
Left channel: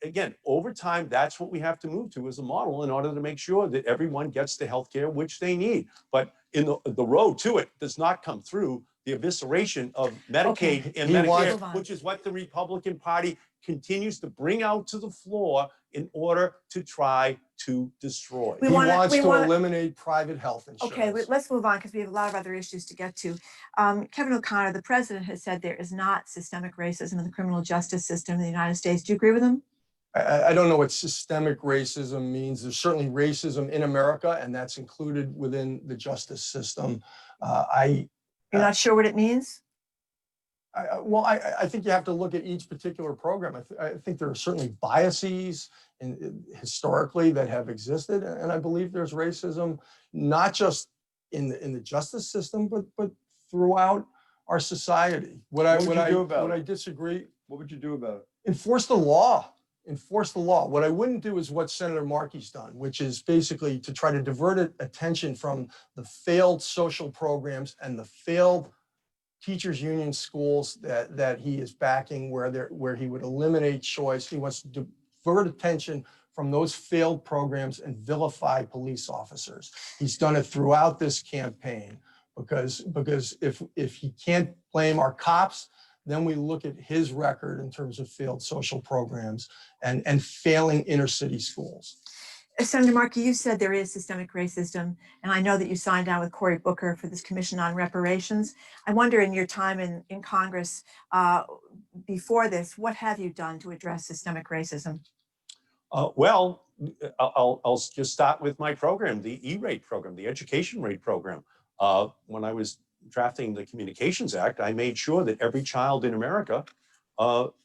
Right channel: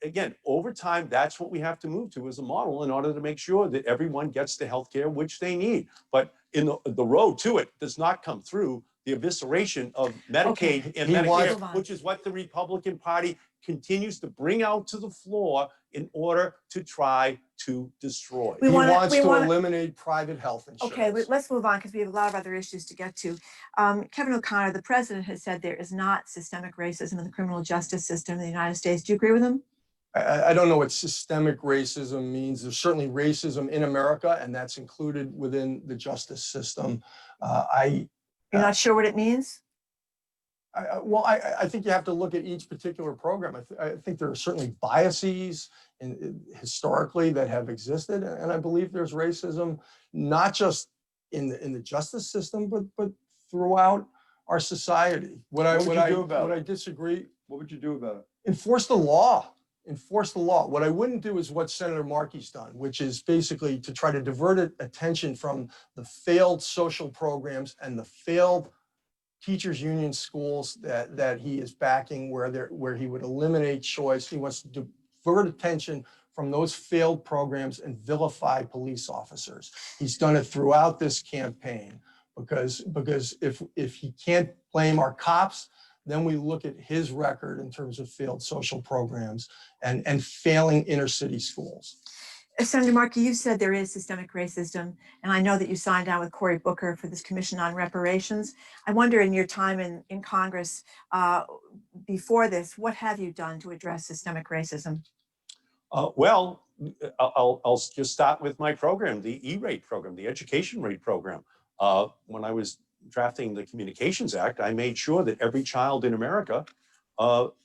Again, over time, that's what we have to move to as a model in order to make sure that everyone gets the health care which they need. But in the road to it does not come through the evisceration of Medicaid and He wants- Medicare, which is what the Republican Party continues to bring out to the floor in order to try to destroy. We He wanna- wants we to wanna- eliminate private health insurance. Okay, let's move on because we have a lot of other issues to get to. Kevin O'Connor, the president has said there is not systemic racism in the criminal justice system in the United States. Do you agree with him? I don't know what systemic racism means. There's certainly racism in America, and that's included within the justice system. You're not sure what it means? I think you have to look at each particular program. I think there are certainly biases historically that have existed, and I believe there's racism not just in the justice system, but throughout our society. What I disagree. What would you do about it? Enforce the law. Enforce the law. What I wouldn't do is what Senator Markey's done, which is basically to try to divert attention from the failed social programs and the failed teachers union schools that he is backing, where he would eliminate choice. He wants to divert attention from those failed programs and vilify police officers. He's done it throughout this campaign because if he can't blame our cops, then we look at his record in terms of failed social programs and failing inner city schools. Senator Markey, you said there is systemic racism, and I know that you signed on with Cory Booker for this Commission on Reparations. I wonder, in your time in Congress before this, what have you done to address systemic racism? Well, I'll just start with my program, the E-rate program, the education rate program. When I was drafting the Communications Act, I made sure that every child in America,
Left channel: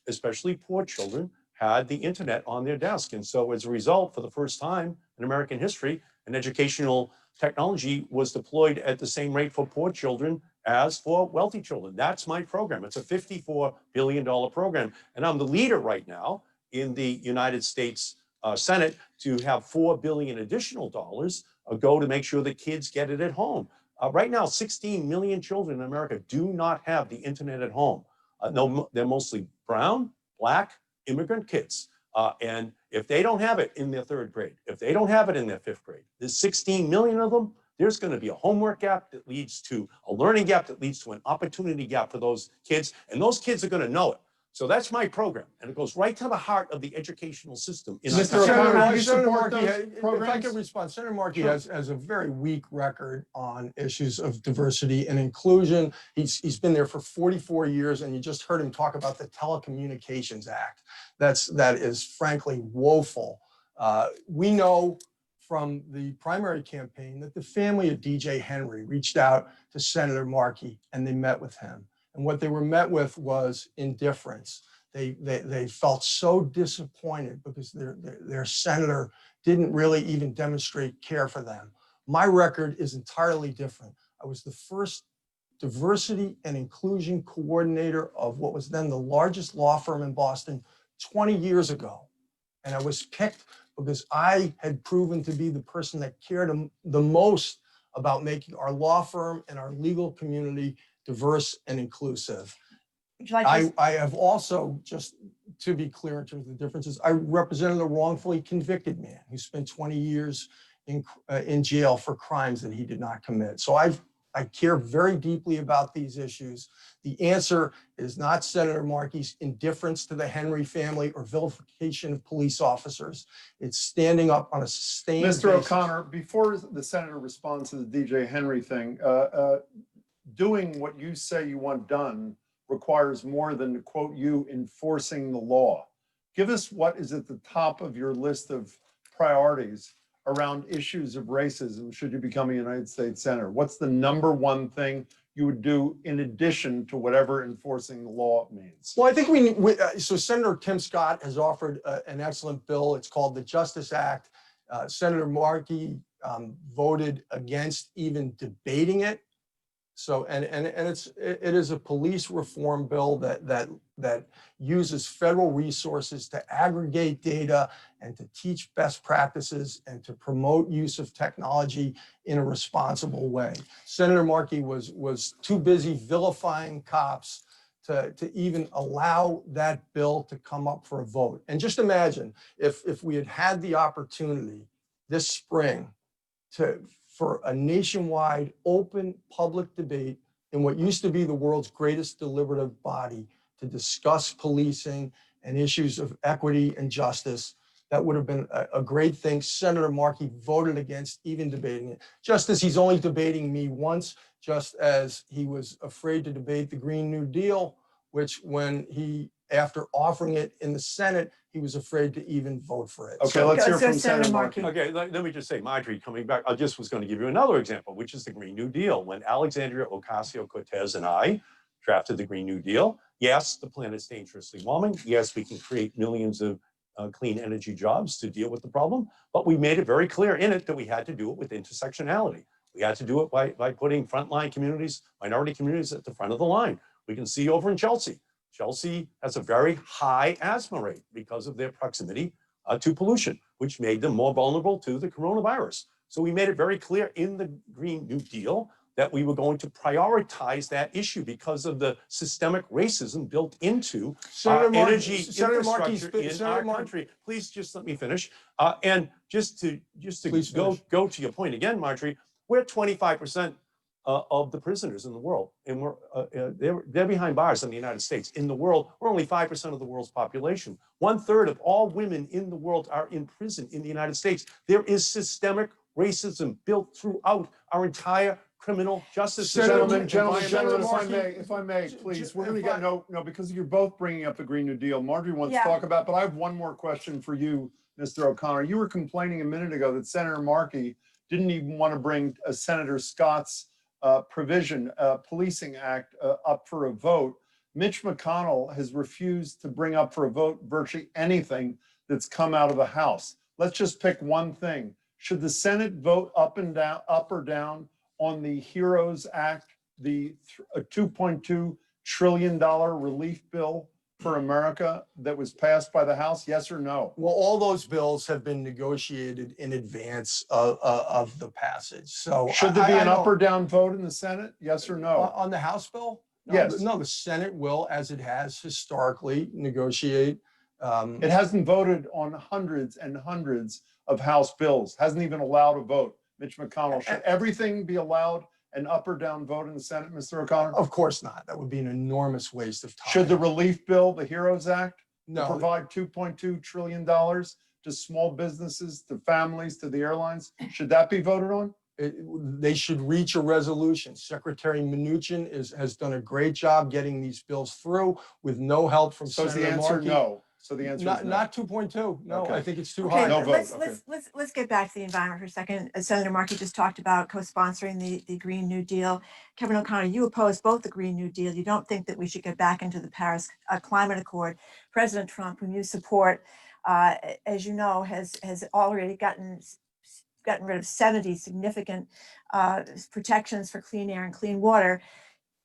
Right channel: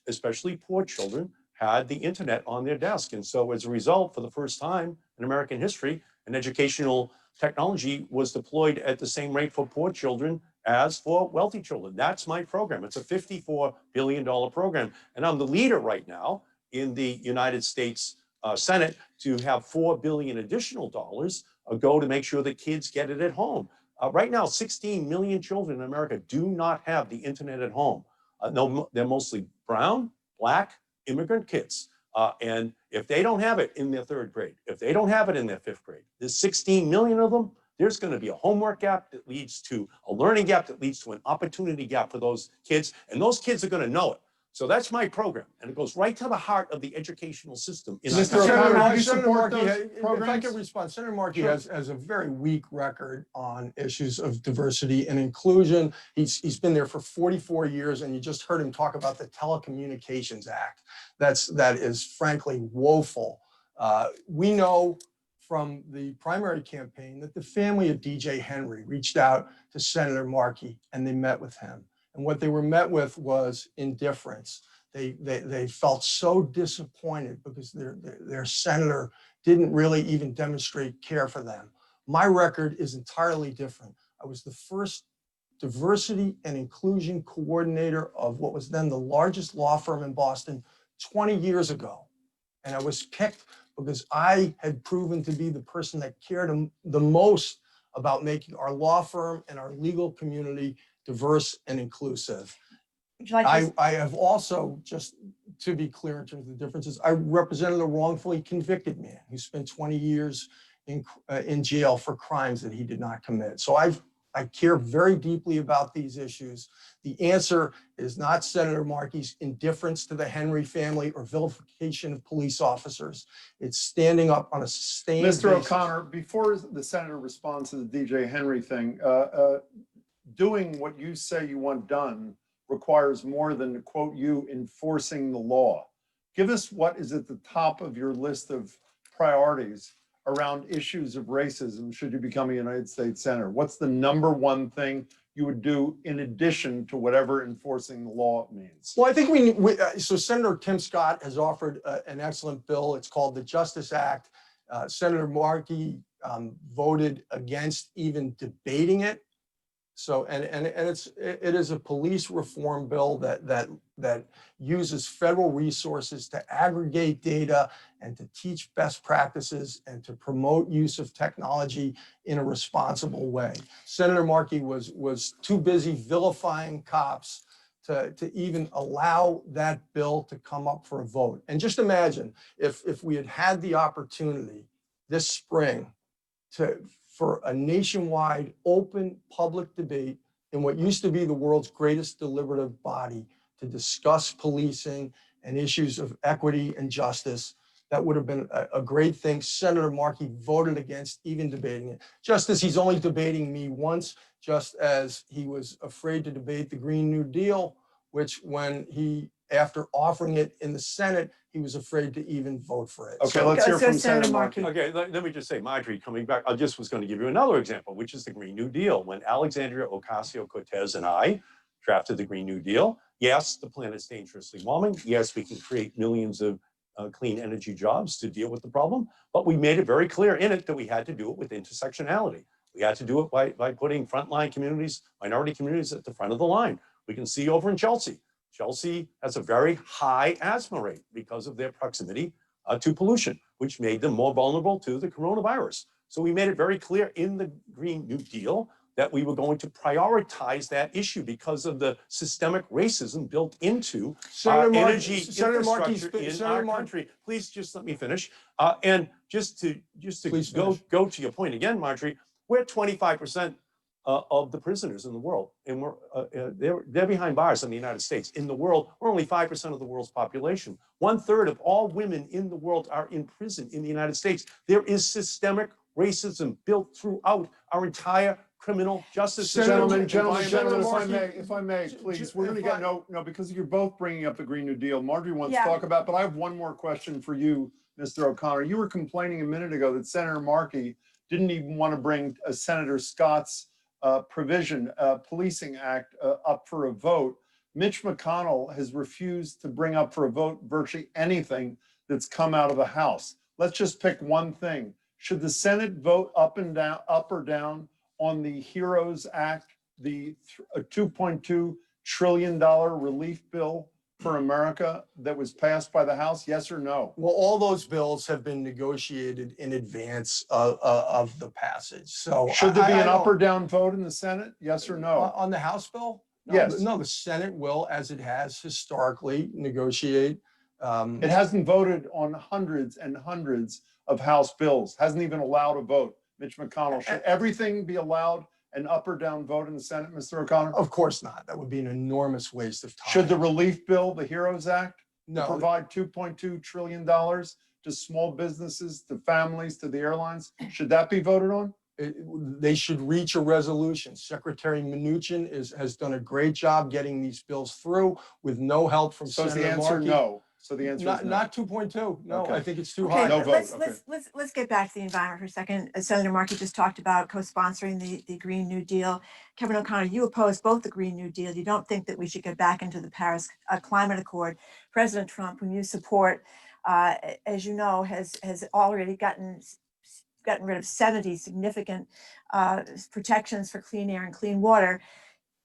especially poor children, had the internet on their desk. And so as a result, for the first time in American history, an educational technology was deployed at the same rate for poor children as for wealthy children. That's my program. It's a $54 billion program. And I'm the leader right now in the United States Senate to have $4 billion additional dollars go to make sure that kids get it at home. Right now, 16 million children in America do not have the internet at home. No, they're mostly brown, black, immigrant kids. And if they don't have it in their third grade, if they don't have it in their fifth grade, there's 16 million of them, there's going to be a homework gap that leads to a learning gap that leads to an opportunity gap for those kids. And those kids are going to know it. So that's my program. And it goes right to the heart of the educational system. In Mr. our country. O'Connor, do you Senator support Markey, those if I programs? could respond, Senator Markey Sure. has a very weak record on issues of diversity and inclusion. He's been there for 44 years, and you just heard him talk about the Telecommunications Act. That is frankly woeful. We know from the primary campaign that the family of DJ Henry reached out to Senator Markey and they met with him. And what they were met with was indifference. They felt so disappointed because their senator didn't really even demonstrate care for them. My record is entirely different. I was the first diversity and inclusion coordinator of what was then the largest law firm in Boston 20 years ago. And I was picked because I had proven to be the person that cared the most about making our law firm and our legal community diverse and inclusive. Would you like to? I have also, just to be clear in terms of the differences, I represented a wrongfully convicted man who spent 20 years in jail for crimes that he did not commit. So I care very deeply about these issues. The answer is not Senator Markey's indifference to the Henry family or vilification of police officers. It's standing up on a sustained Mr. basis. O'Connor, before the senator responds to the DJ Henry thing, doing what you say you want done requires more than, to quote you, enforcing the law. Give us what is at the top of your list of priorities around issues of racism should you become a United States Senator. What's the number one thing you would do in addition to whatever enforcing the law means? Well, I think so Senator Tim Scott has offered an excellent bill. It's called the Justice Act. Senator Markey voted against even debating it. So, and it is a police reform bill that uses federal resources to aggregate data and to teach best practices and to promote use of technology in a responsible way. Senator Markey was too busy vilifying cops to even allow that bill to come up for a vote. And just imagine if we had had the opportunity this spring for a nationwide open public debate in what used to be the world's greatest deliberative body to discuss policing and issues of equity and justice. That would have been a great thing. Senator Markey voted against even debating it, just as he's only debating me once, just as he was afraid to debate the Green New Deal, which after offering it in the Senate, he was afraid to even vote for it. Okay, let's hear from Senator Senator Markey. Markey. Okay, let me just say, Marjorie, coming back, I just was going to give you another example, which is the Green New Deal. When Alexandria Ocasio-Cortez and I drafted the Green New Deal, yes, the planet's dangerously warming. Yes, we can create millions of clean energy jobs to deal with the problem, but we made it very clear in it that we had to do it with intersectionality. We had to do it by putting frontline communities, minority communities at the front of the line. We can see over in Chelsea. Chelsea has a very high asthma rate because of their proximity to pollution, which made them more vulnerable to the coronavirus. So we made it very clear in the Green New Deal that we were going to prioritize that issue because of the systemic racism built into energy infrastructure in our country. Please just let me finish. And just to go to your point again, Marjorie, we're 25% of the prisoners in the world, and they're behind bars in the United States. In the world, we're only 5% of the world's population. 1/3 of all women in the world are in prison in the United States. There is systemic racism built throughout our entire criminal justice system. Gentlemen, if I may, please, we're going to get no, because you're both bringing up the Green New Deal. Marjorie wants to talk about, but I have one more question for you, Mr. O'Connor. You were complaining a minute ago that Senator Markey didn't even want to bring Senator Scott's Policing Act up for a vote. Mitch McConnell has refused to bring up for a vote virtually anything that's come out of the House. Let's just pick one thing. Should the Senate vote up or down on the HEROES Act, the $2.2 trillion relief bill for America that was passed by the House? Yes or no? Well, all those bills have been negotiated in advance of the passage. So should there be an up or down vote in the Senate? Yes or no? On the House bill? No, yes. No, the Senate will, as it has historically, negotiate. It hasn't voted on hundreds and hundreds of House bills. Hasn't even allowed a vote. Mitch McConnell, should everything be allowed an up or down vote in the Senate, Mr. O'Connor? Of course not. That would be an enormous waste of time. Should the relief bill, the HEROES Act, provide $2.2 trillion to small businesses, to families, to the airlines, should that be voted on? They should reach a resolution. Secretary Mnuchin has done a great job getting these bills through with no help from Senator Markey. So the answer, no. So the answer is no. Not 2.2. No, okay. I think it's too high. No vote. Let's get back to the environment for a second. Senator Markey just talked about co-sponsoring the Green New Deal. Kevin O'Connor, you oppose both the Green New Deal. You don't think that we should get back into the Paris Climate Accord. President Trump, whom you support, as you know, has already gotten rid of 70 significant protections for clean air and clean water.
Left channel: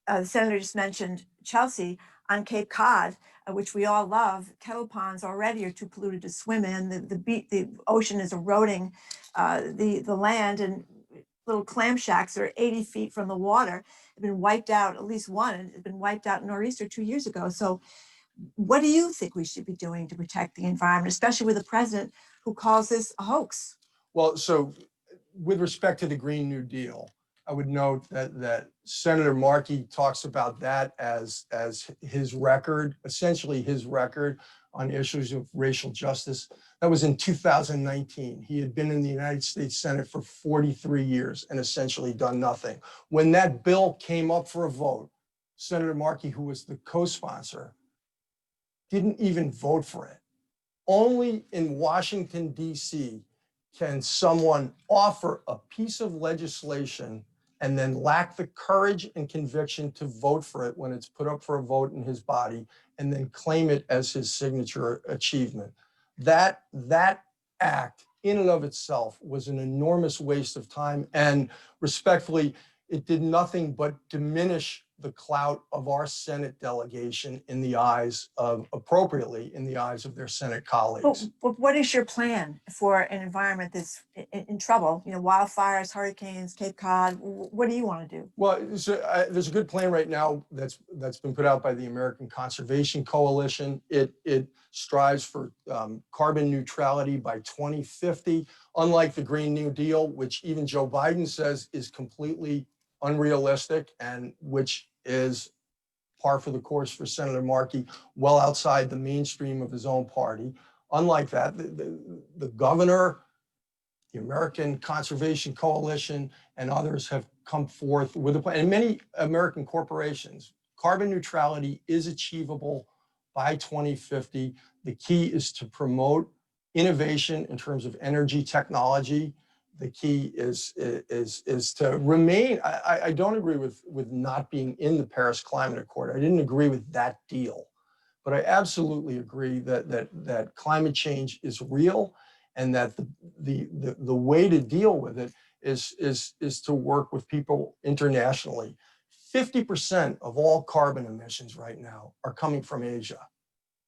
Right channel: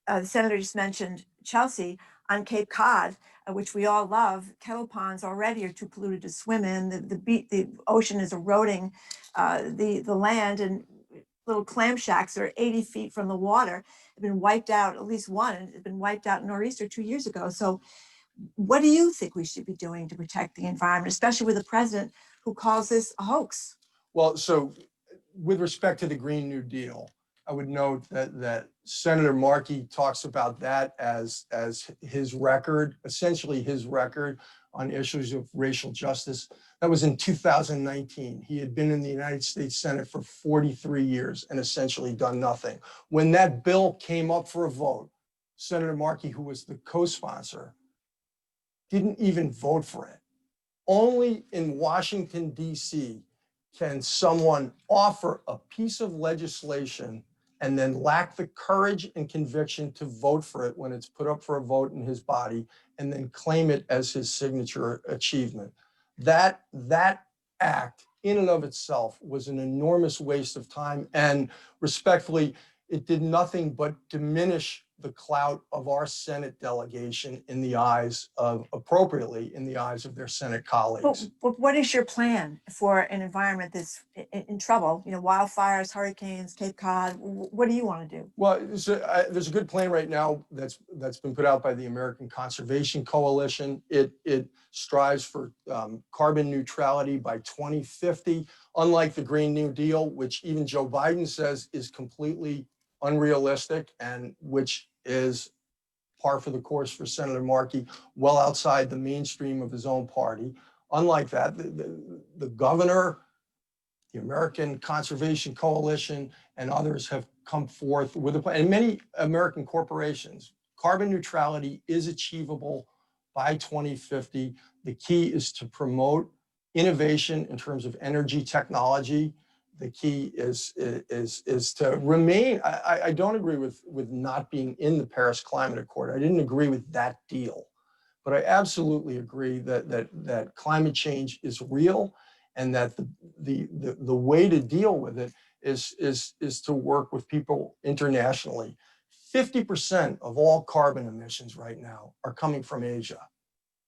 The senator just mentioned Chelsea on Cape Cod. which we all love, kettle ponds already are too polluted to swim in. The ocean is eroding the land, and little clam shacks that are 80 feet from the water have been wiped out. At least one has been wiped out in Nor'easter 2 years ago. So what do you think we should be doing to protect the environment, especially with a president who calls this a hoax? Well, so with respect to the Green New Deal, I would note that Senator Markey talks about that as his record, essentially his record on issues of racial justice. That was in 2019. He had been in the United States Senate for 43 years and essentially done nothing. When that bill came up for a vote, Senator Markey, who was the co-sponsor, didn't even vote for it. Only in Washington, D.C., can someone offer a piece of legislation and then lack the courage and conviction to vote for it when it's put up for a vote in his body and then claim it as his signature achievement. That act in and of itself was an enormous waste of time, and respectfully, it did nothing but diminish the clout of our Senate delegation in the eyes of, appropriately, in the eyes of their Senate colleagues. But what is your plan for an environment that's in trouble? You know, wildfires, hurricanes, Cape Cod. What do you want to do? Well, so, there's a good plan right now that's been put out by the American Conservation Coalition. It strives for carbon neutrality by 2050, unlike the Green New Deal, which even Joe Biden says is completely unrealistic and which is par for the course for Senator Markey, well outside the mainstream of his own party. Unlike that, the governor, the American Conservation Coalition, and others have come forth with a plan, and many American corporations. Carbon neutrality is achievable by 2050. The key is to promote innovation in terms of energy technology. The key is to remain. I don't agree with not being in the Paris Climate Accord. I didn't agree with that deal, but I absolutely agree that climate change is real, and that the way to deal with it is to work with people internationally. 50% of all carbon emissions right now are coming from Asia.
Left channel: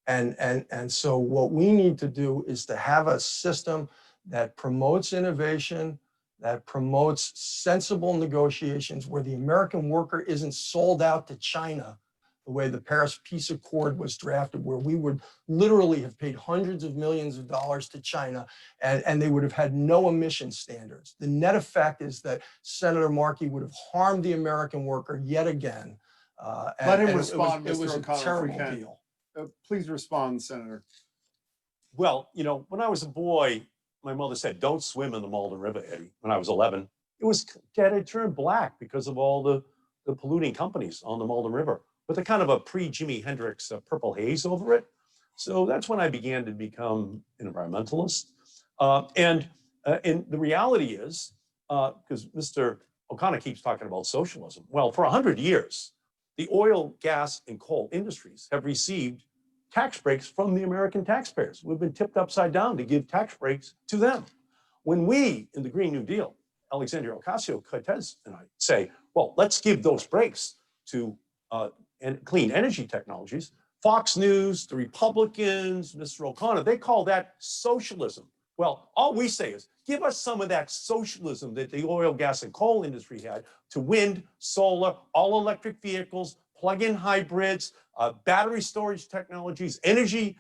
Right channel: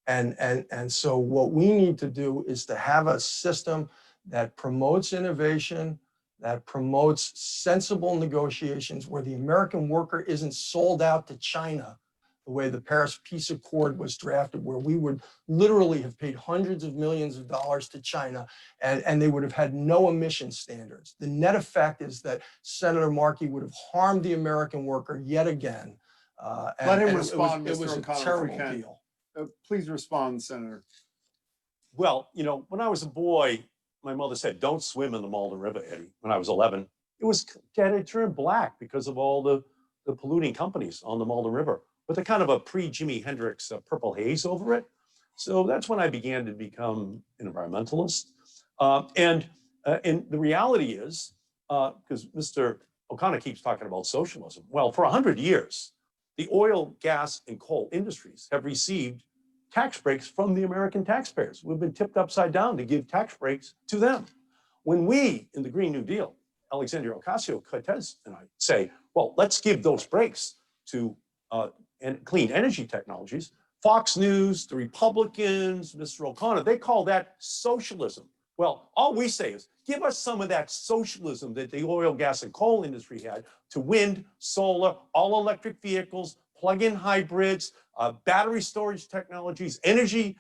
And so what we need to do is to have a system that promotes innovation, that promotes sensible negotiations, where the American worker isn't sold out to China the way the Paris Peace Accord was drafted, where we would literally have paid hundreds of millions of dollars to China, and they would have had no emission standards. The net effect is that Senator Markey would have harmed the American worker yet again. Let him respond, it was Mr. a O'Connor, if we terrible can. deal. Please respond, Senator. Well, you know, when I was a boy, my mother said, "Don't swim in the Malden River, Eddie." When I was 11, it turned black because of all the polluting companies on the Malden River, with a kind of a pre-Jimi Hendrix purple haze over it. So that's when I began to become an environmentalist. And the reality is, because Mr. O'Connor keeps talking about socialism, well, for 100 years, the oil, gas, and coal industries have received tax breaks from the American taxpayers. We've been tipped upside down to give tax breaks to them. When we, in the Green New Deal, Alexandria Ocasio-Cortez and I say, well, let's give those breaks to clean energy technologies, Fox News, the Republicans, Mr. O'Connor, they call that socialism. Well, all we say is, give us some of that socialism that the oil, gas, and coal industry had to wind, solar, all electric vehicles, plug-in hybrids, battery storage technologies, energy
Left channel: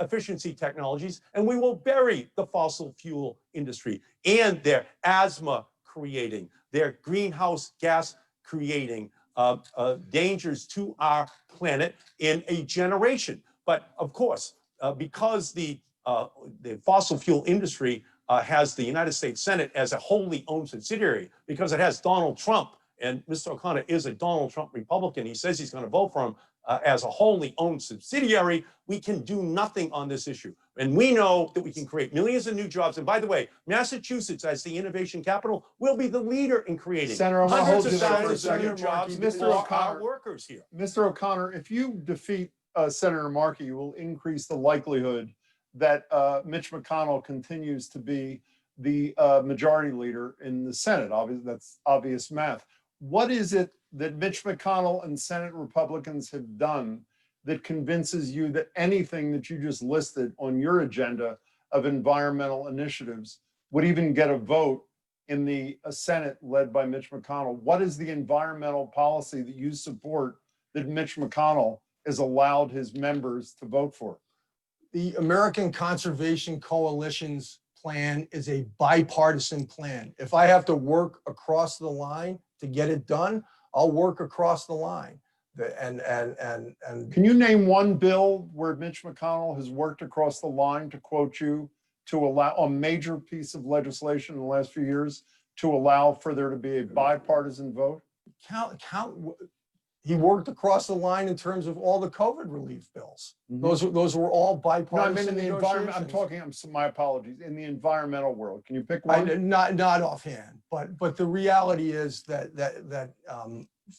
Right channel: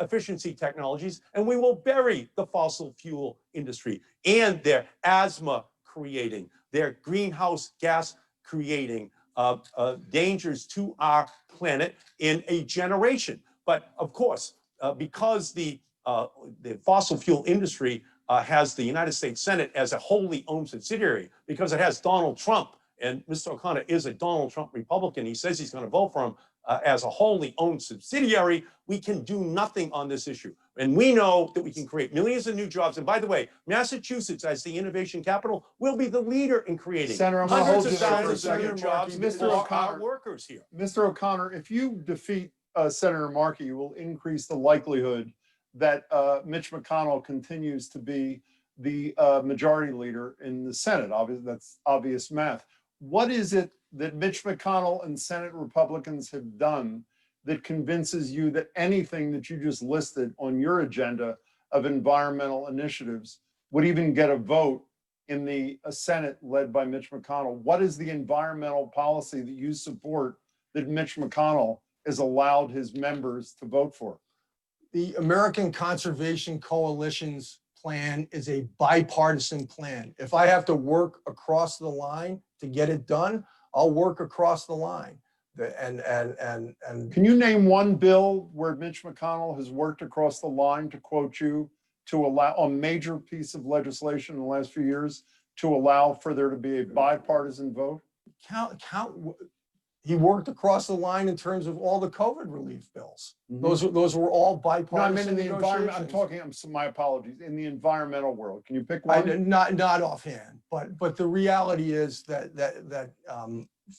efficiency technologies, and we will bury the fossil fuel industry and their asthma creating, their greenhouse gas creating dangers to our planet in a generation. But of course, because the fossil fuel industry has the United States Senate as a wholly owned subsidiary, because it has Donald Trump, and Mr. O'Connor is a Donald Trump Republican. He says he's going to vote for him as a wholly owned subsidiary. We can do nothing on this issue. And we know that we can create millions of new jobs. And by the way, Massachusetts, as the innovation capital, will be the leader in creating Senator, I'm gonna hundreds hold of you there for a thousands of new second. jobs Mr. for O'Connor. our workers here. Mr. O'Connor, if you defeat Senator Markey, you will increase the likelihood that Mitch McConnell continues to be the majority leader in the Senate. Obviously, that's obvious math. What is it that Mitch McConnell and Senate Republicans have done that convinces you that anything that you just listed on your agenda of environmental initiatives would even get a vote in the Senate led by Mitch McConnell? What is the environmental policy that you support that Mitch McConnell has allowed his members to vote for? The American Conservation Coalition's plan is a bipartisan plan. If I have to work across the line to get it done, I'll work across the line. And Can you name one bill where Mitch McConnell has worked across the line, to quote you, to allow a major piece of legislation in the last few years to allow for there to be a bipartisan vote? he worked across the line in terms of all the COVID relief bills. Mhm. Those were all No, I bipartisan mean in the environment. I'm negotiations. talking. My apologies. In the environmental world, can you pick one? Not offhand, but the reality is that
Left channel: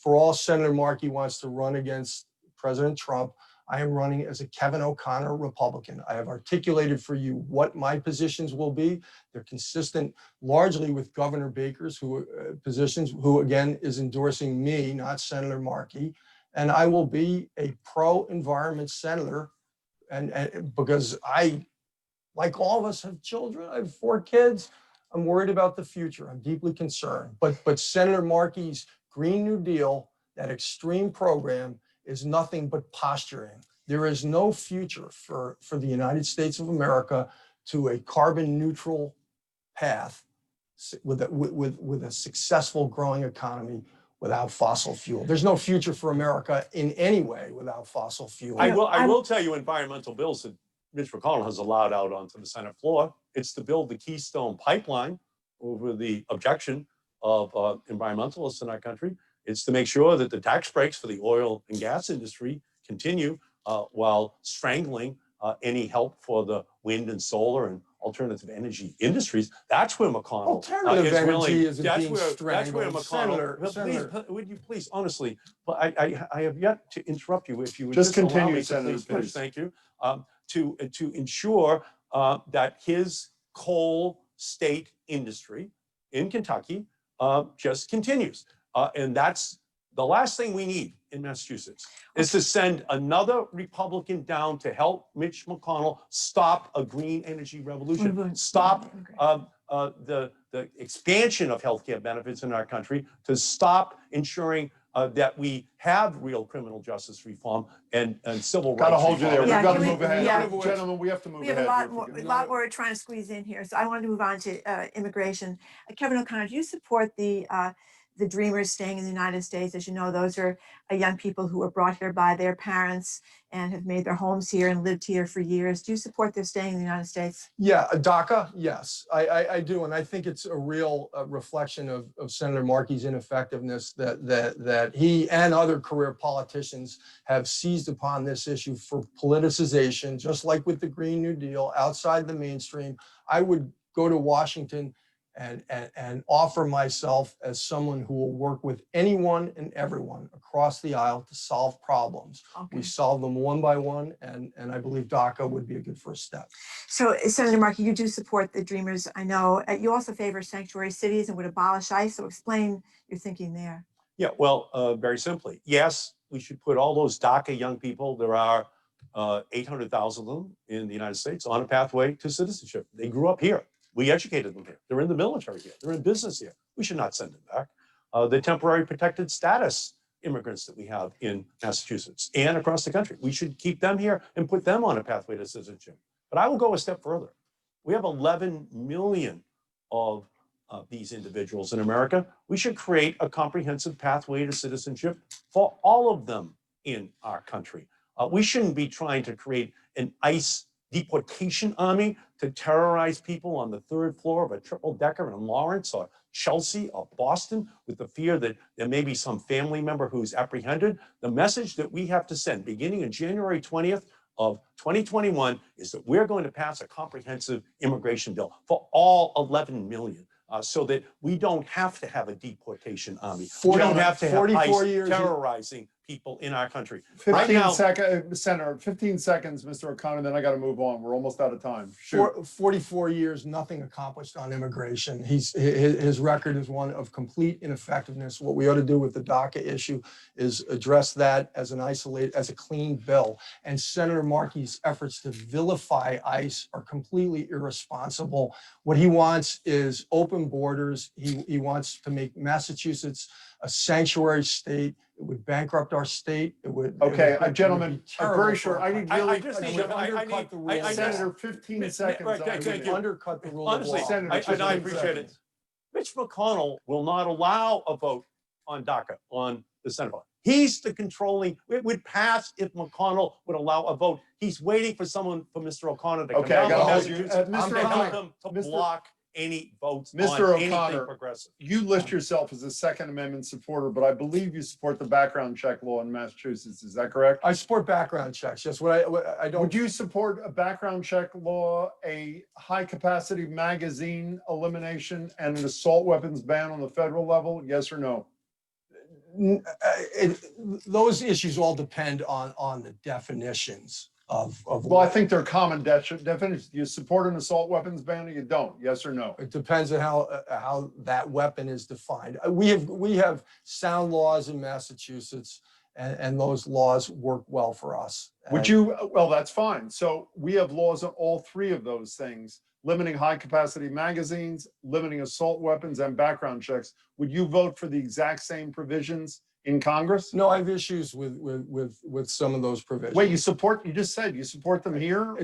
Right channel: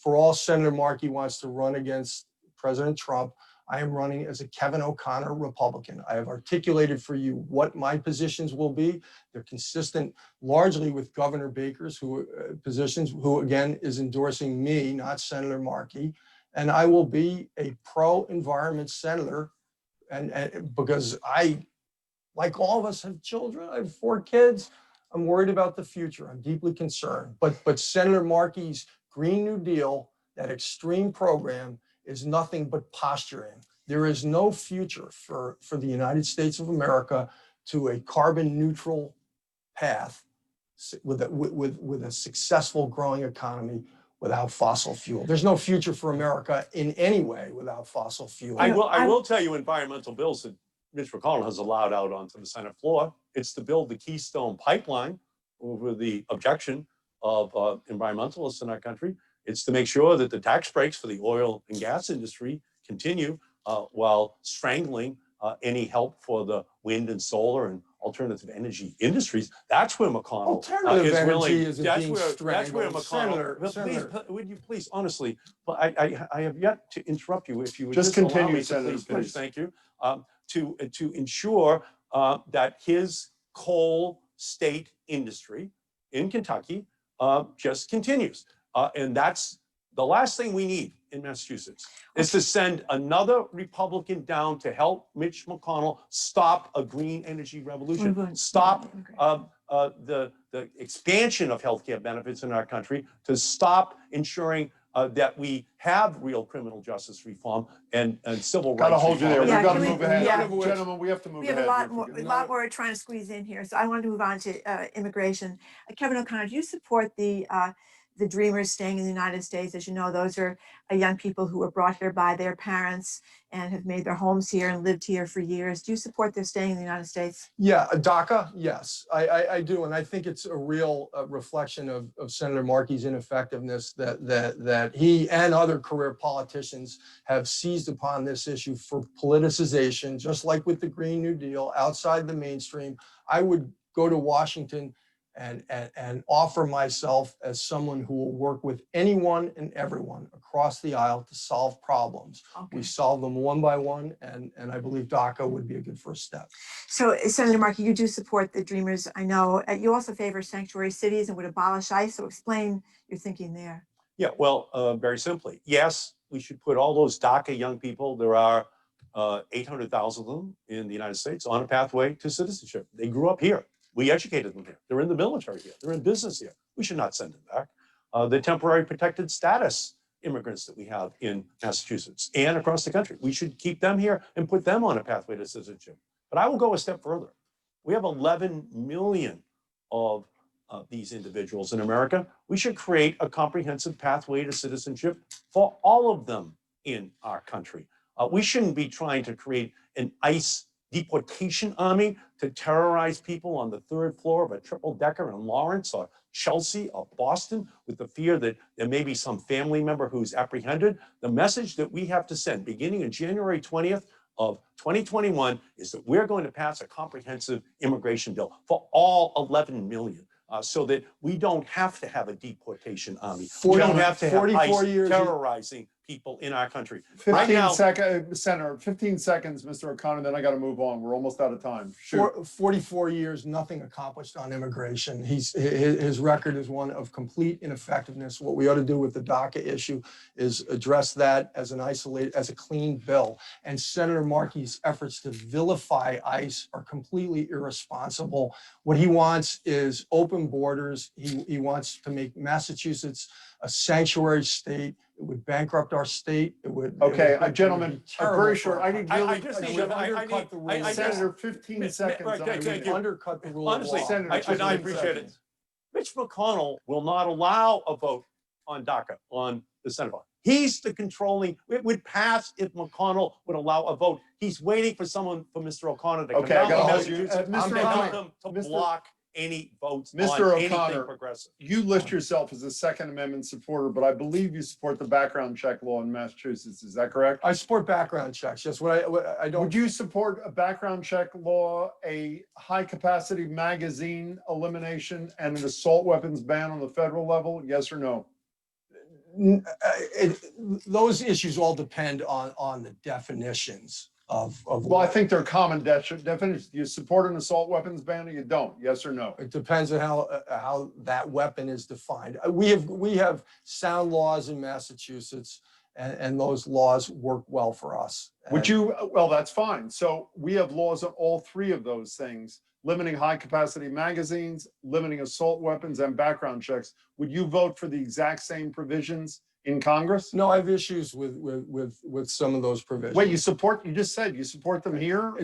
for all Senator Markey wants to run against President Trump, I am running as a Kevin O'Connor Republican. I have articulated for you what my positions will be. They're consistent largely with Governor Baker's positions, who again is endorsing me, not Senator Markey. And I will be a pro-environment senator, and because I, like all of us, have children. I have 4 kids. I'm worried about the future. I'm deeply concerned. But Senator Markey's Green New Deal, that extreme program, is nothing but posturing. There is no future for the United States of America to a carbon neutral path with a successful growing economy without fossil fuel. There's no future for America in any way without fossil fuel. I will tell you environmental bills that Mitch McConnell has allowed out onto the Senate floor. It's to build the Keystone Pipeline over the objection of environmentalists in our country. It's to make sure that the tax breaks for the oil and gas industry continue while strangling any help for the wind and solar and alternative energy industries. That's where McConnell Alternative is energy willing. isn't being That's where strangled. McConnell. Senator, Would you please, honestly, I have yet to interrupt you. If you would Just allow continue, me to Senator, please finish. please. Thank you. To ensure that his coal state industry in Kentucky just continues. And that's the last thing we need in Massachusetts, is to send another Republican down to help Mitch McConnell stop a green energy revolution, stop the expansion of healthcare benefits in our country, to stop ensuring that we have real criminal justice reform and civil rights. Got to hold you there. Yeah, We've got to can we- move ahead. yeah. Gentlemen, we have to move We have ahead. a lot more we're trying to squeeze in here. So I wanted to move on to immigration. Kevin O'Connor, do you support the Dreamers staying in the United States? As you know, those are young people who were brought here by their parents and have made their homes here and lived here for years. Do you support their staying in the United States? yeah, DACA, yes, I do, and I think it's a real reflection of Senator Markey's ineffectiveness that he and other career politicians have seized upon this issue for politicization, just like with the Green New Deal, outside the mainstream. I would go to Washington and offer myself as someone who will work with anyone and everyone across the aisle to solve problems. Okay. We solve them one by one, and I believe DACA would be a good first step. So, Senator Markey, you do support the Dreamers, I know. You also favor sanctuary cities and would abolish ICE. So explain your thinking there. Yeah, well, very simply, yes, we should put all those DACA young people, there are 800,000 of them in the United States, on a pathway to citizenship. They grew up here. We educated them here. They're in the military here. They're in business here. We should not send them back. The temporary protected status immigrants that we have in Massachusetts and across the country, we should keep them here and put them on a pathway to citizenship. But I will go a step further. We have 11 million of these individuals in America. We should create a comprehensive pathway to citizenship for all of them in our country. We shouldn't be trying to create an ICE deportation army to terrorize people on the 3rd floor of a triple-decker in Lawrence or Chelsea or Boston with the fear that there may be some family member who's apprehended. The message that we have to send beginning on January 20th of 2021 is that we're going to pass a comprehensive immigration bill for all 11 million. So that we don't have to have a deportation army. We don't have to have 44 ICE years terrorizing people in our country. Right 15 now, seconds, Senator, 15 seconds, Mr. O'Connor, then I got to move on. We're almost out of time. Shoot. 44 years, nothing accomplished on immigration. His record is one of complete ineffectiveness. What we ought to do with the DACA issue is address that as as a clean bill. And Senator Markey's efforts to vilify ICE are completely irresponsible. What he wants is open borders. He wants to make Massachusetts a sanctuary state. It would bankrupt our state. Okay, it would gentlemen, be I'm terrible very for short. our I need country. really, I just It need would to- I undercut need- the rule I of just- law. Senator, 15 Right, seconds. okay, I'm okay, gonna It do. would undercut the rule honestly, of law. Senator, I 15 appreciate it. seconds. Mitch McConnell will not allow a vote on DACA on the Senate floor. He's the controlling, it would pass if McConnell would allow a vote. He's waiting for someone, for Mr. O'Connor to come Okay, I down gotta to hold you. Massachusetts Mr. and tell O'Connor, him to Mr. block any votes Mr. on anything O'Connor, progressive. You list yourself as a Second Amendment supporter, but I believe you support the background check law in Massachusetts. Is that correct? I support background checks. Yes, what I don't. Would you support a background check law, a high capacity magazine elimination, and an assault weapons ban on the federal level? Yes or no? Those issues all depend on the definitions of. Well, I think they're common definitions. You support an assault weapons ban or you don't? Yes or no? It depends on how that weapon is defined. We have sound laws in Massachusetts, and those laws work well for us. Would you, well, that's fine. So we have laws on all three of those things, limiting high capacity magazines, limiting assault weapons, and background checks. Would you vote for the exact same provisions in Congress? No, I have issues with some of those provisions. Wait, you just said you support them here?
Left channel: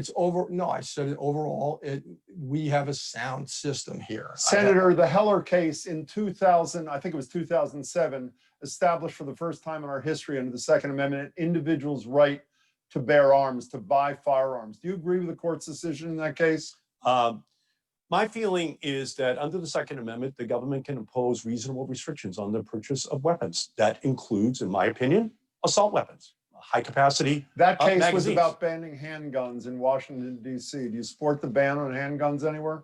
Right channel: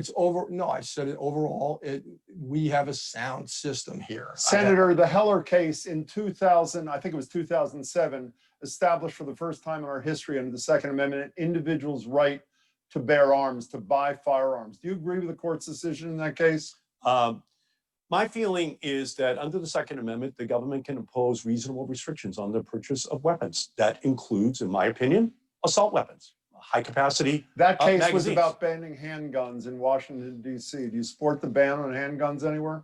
No, I said it overall, we have a sound system here. Senator, the Heller case in 2000, I think it was 2007, established for the first time in our history under the Second Amendment, an individual's right to bear arms, to buy firearms. Do you agree with the court's decision in that case? My feeling is that under the Second Amendment, the government can impose reasonable restrictions on the purchase of weapons. That includes, in my opinion, assault weapons, high capacity That case was magazines. about banning handguns in Washington, D.C. Do you support the ban on handguns anywhere?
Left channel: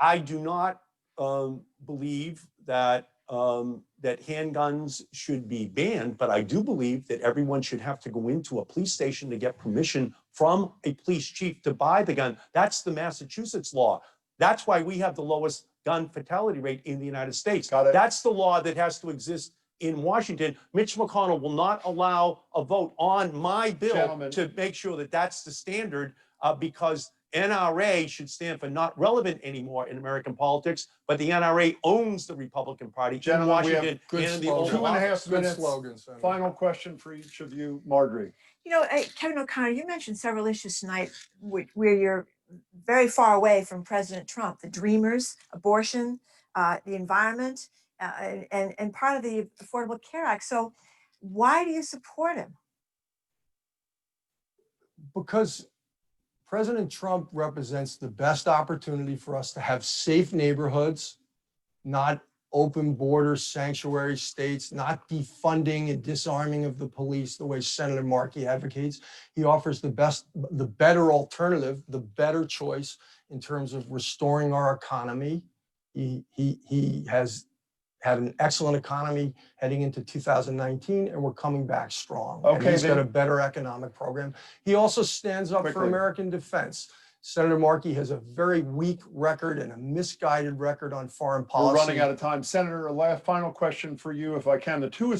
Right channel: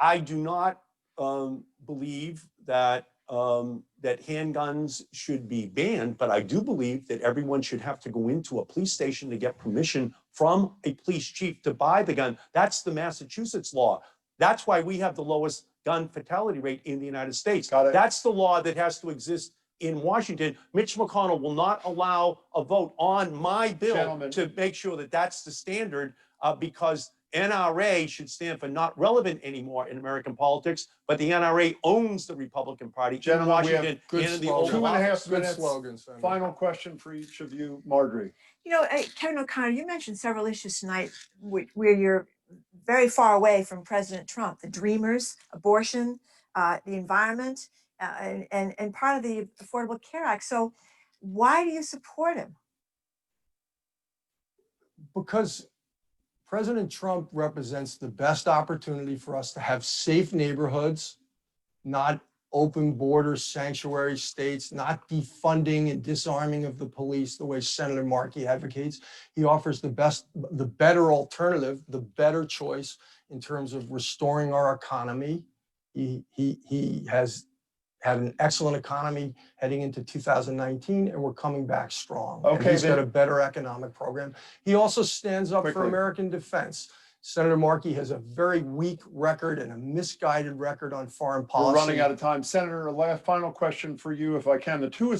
I do not believe that that handguns should be banned, but I do believe that everyone should have to go into a police station to get permission from a police chief to buy the gun. That's the Massachusetts law. That's why we have the lowest gun fatality rate in the United States. Got it. That's the law that has to exist in Washington. Mitch McConnell will not allow a vote on my bill Gentlemen. to make sure that that's the standard because NRA should stand for not relevant anymore in American politics, but the NRA owns the Republican Party Gentlemen, in we have Washington good and in the slogan. Oval 2.5 Office. Good minutes. slogan, Senator. Final question for each of you, Marjorie. You know, Kevin O'Connor, you mentioned several issues tonight where you're very far away from President Trump, the dreamers, abortion, the environment, and part of the Affordable Care Act. So why do you support him? Because President Trump represents the best opportunity for us to have safe neighborhoods, not open border sanctuary states, not defunding and disarming of the police the way Senator Markey advocates. He offers the better alternative, the better choice in terms of restoring our economy. He has had an excellent economy heading into 2019, and we're coming back strong. And Okay, he's got then- a better economic program. He also stands up for Quickly. American defense. Senator Markey has a very weak record and a misguided record on foreign policy. We're running out of time. Senator, a last final question for you, if I can. The two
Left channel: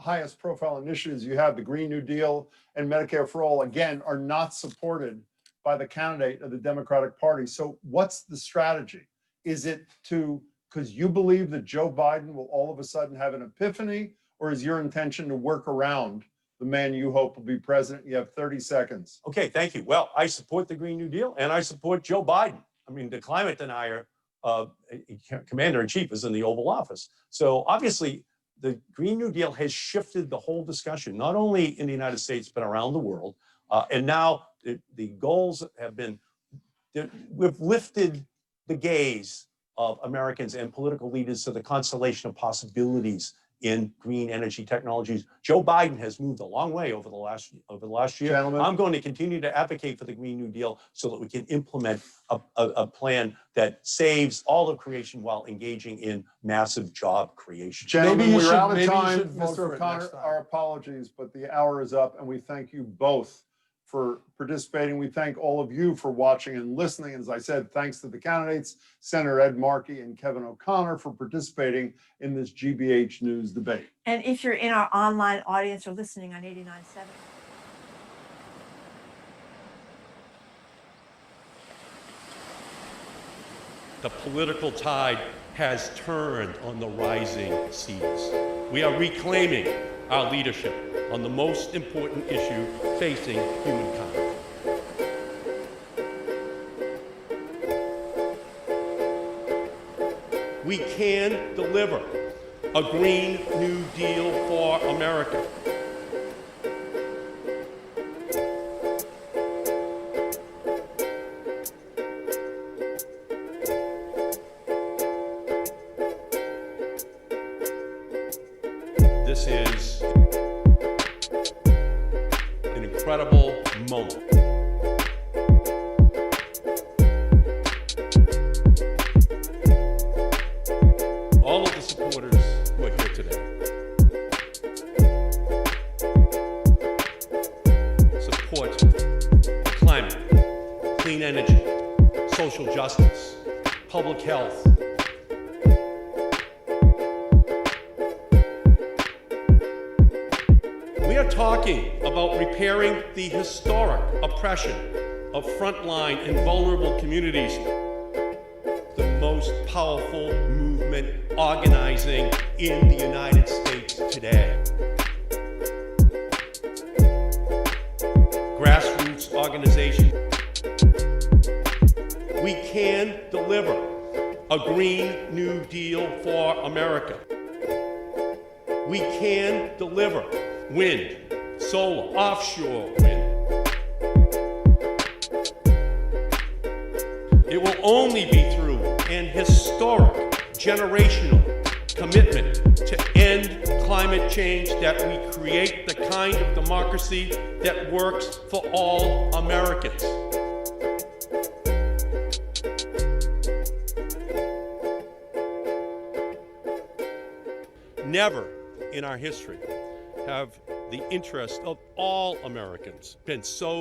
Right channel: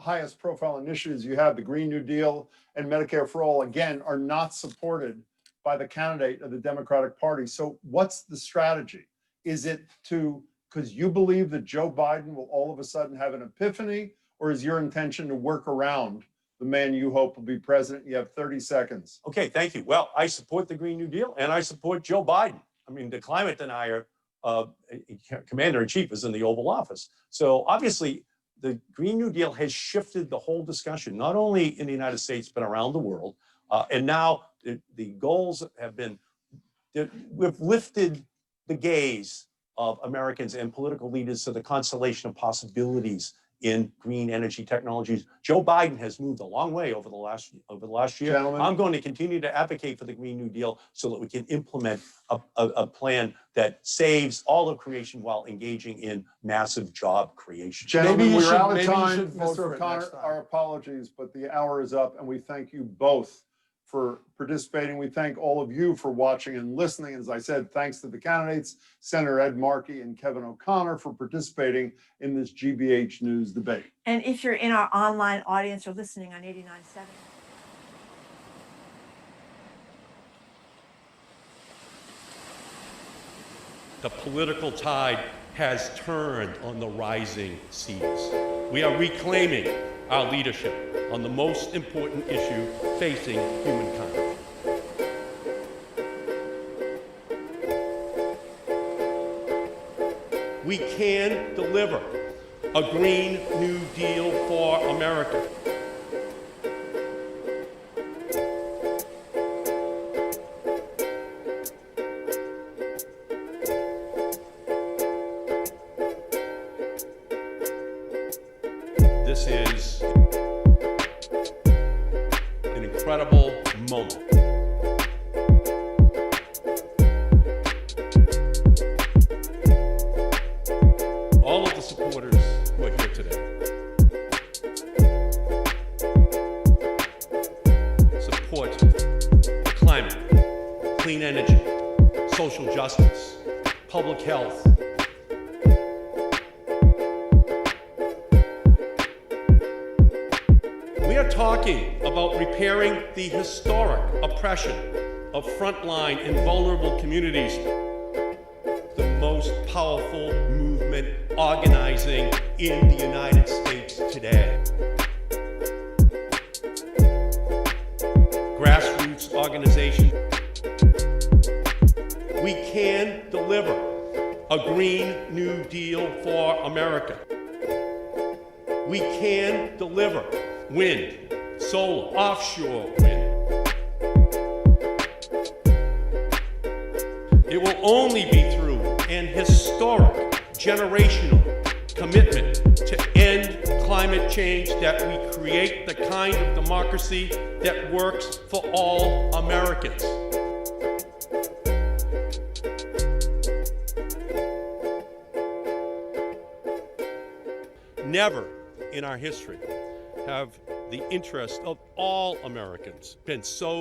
highest profile initiatives you have, the Green New Deal and Medicare for All, again, are not supported by the candidate of the Democratic Party. So what's the strategy? Is it because you believe that Joe Biden will all of a sudden have an epiphany, or is your intention to work around the man you hope will be president? You have 30 seconds. Okay, thank you. Well, I support the Green New Deal and I support Joe Biden. I mean, the climate denier commander in chief is in the Oval Office. So obviously, the Green New Deal has shifted the whole discussion, not only in the United States, but around the world. And now the goals have been, we've lifted the gaze of Americans and political leaders to the constellation of possibilities in green energy technologies. Joe Biden has moved a long way over the last year. Gentlemen. I'm going to continue to advocate for the Green New Deal so that we can implement a plan that saves all of creation while engaging in massive job creation. Gentlemen, you we're should- out of maybe you time. should vote for Mr. it O'Connor, next time. our apologies, but the hour is up, and we thank you both for participating. We thank all of you for watching and listening. As I said, thanks to the candidates, Senator Ed Markey and Kevin O'Connor, for participating in this GBH News debate. And if you're in our online audience or listening on 89.7. The political tide has turned on the rising seas. We are reclaiming our leadership on the most important issue facing humankind. We can deliver a Green New Deal for America. This is an incredible moment. All of the supporters who are here today support the climate, clean energy, social justice, public health. We are talking about repairing the historic oppression of frontline and vulnerable communities. The most powerful movement organizing in the United States today. Grassroots organization. We can deliver a Green New Deal for America. We can deliver wind, solar, offshore wind. It will only be through an historic, generational commitment to end climate change that we create the kind of democracy that works for all Americans. Never in our history have the interests of all Americans been so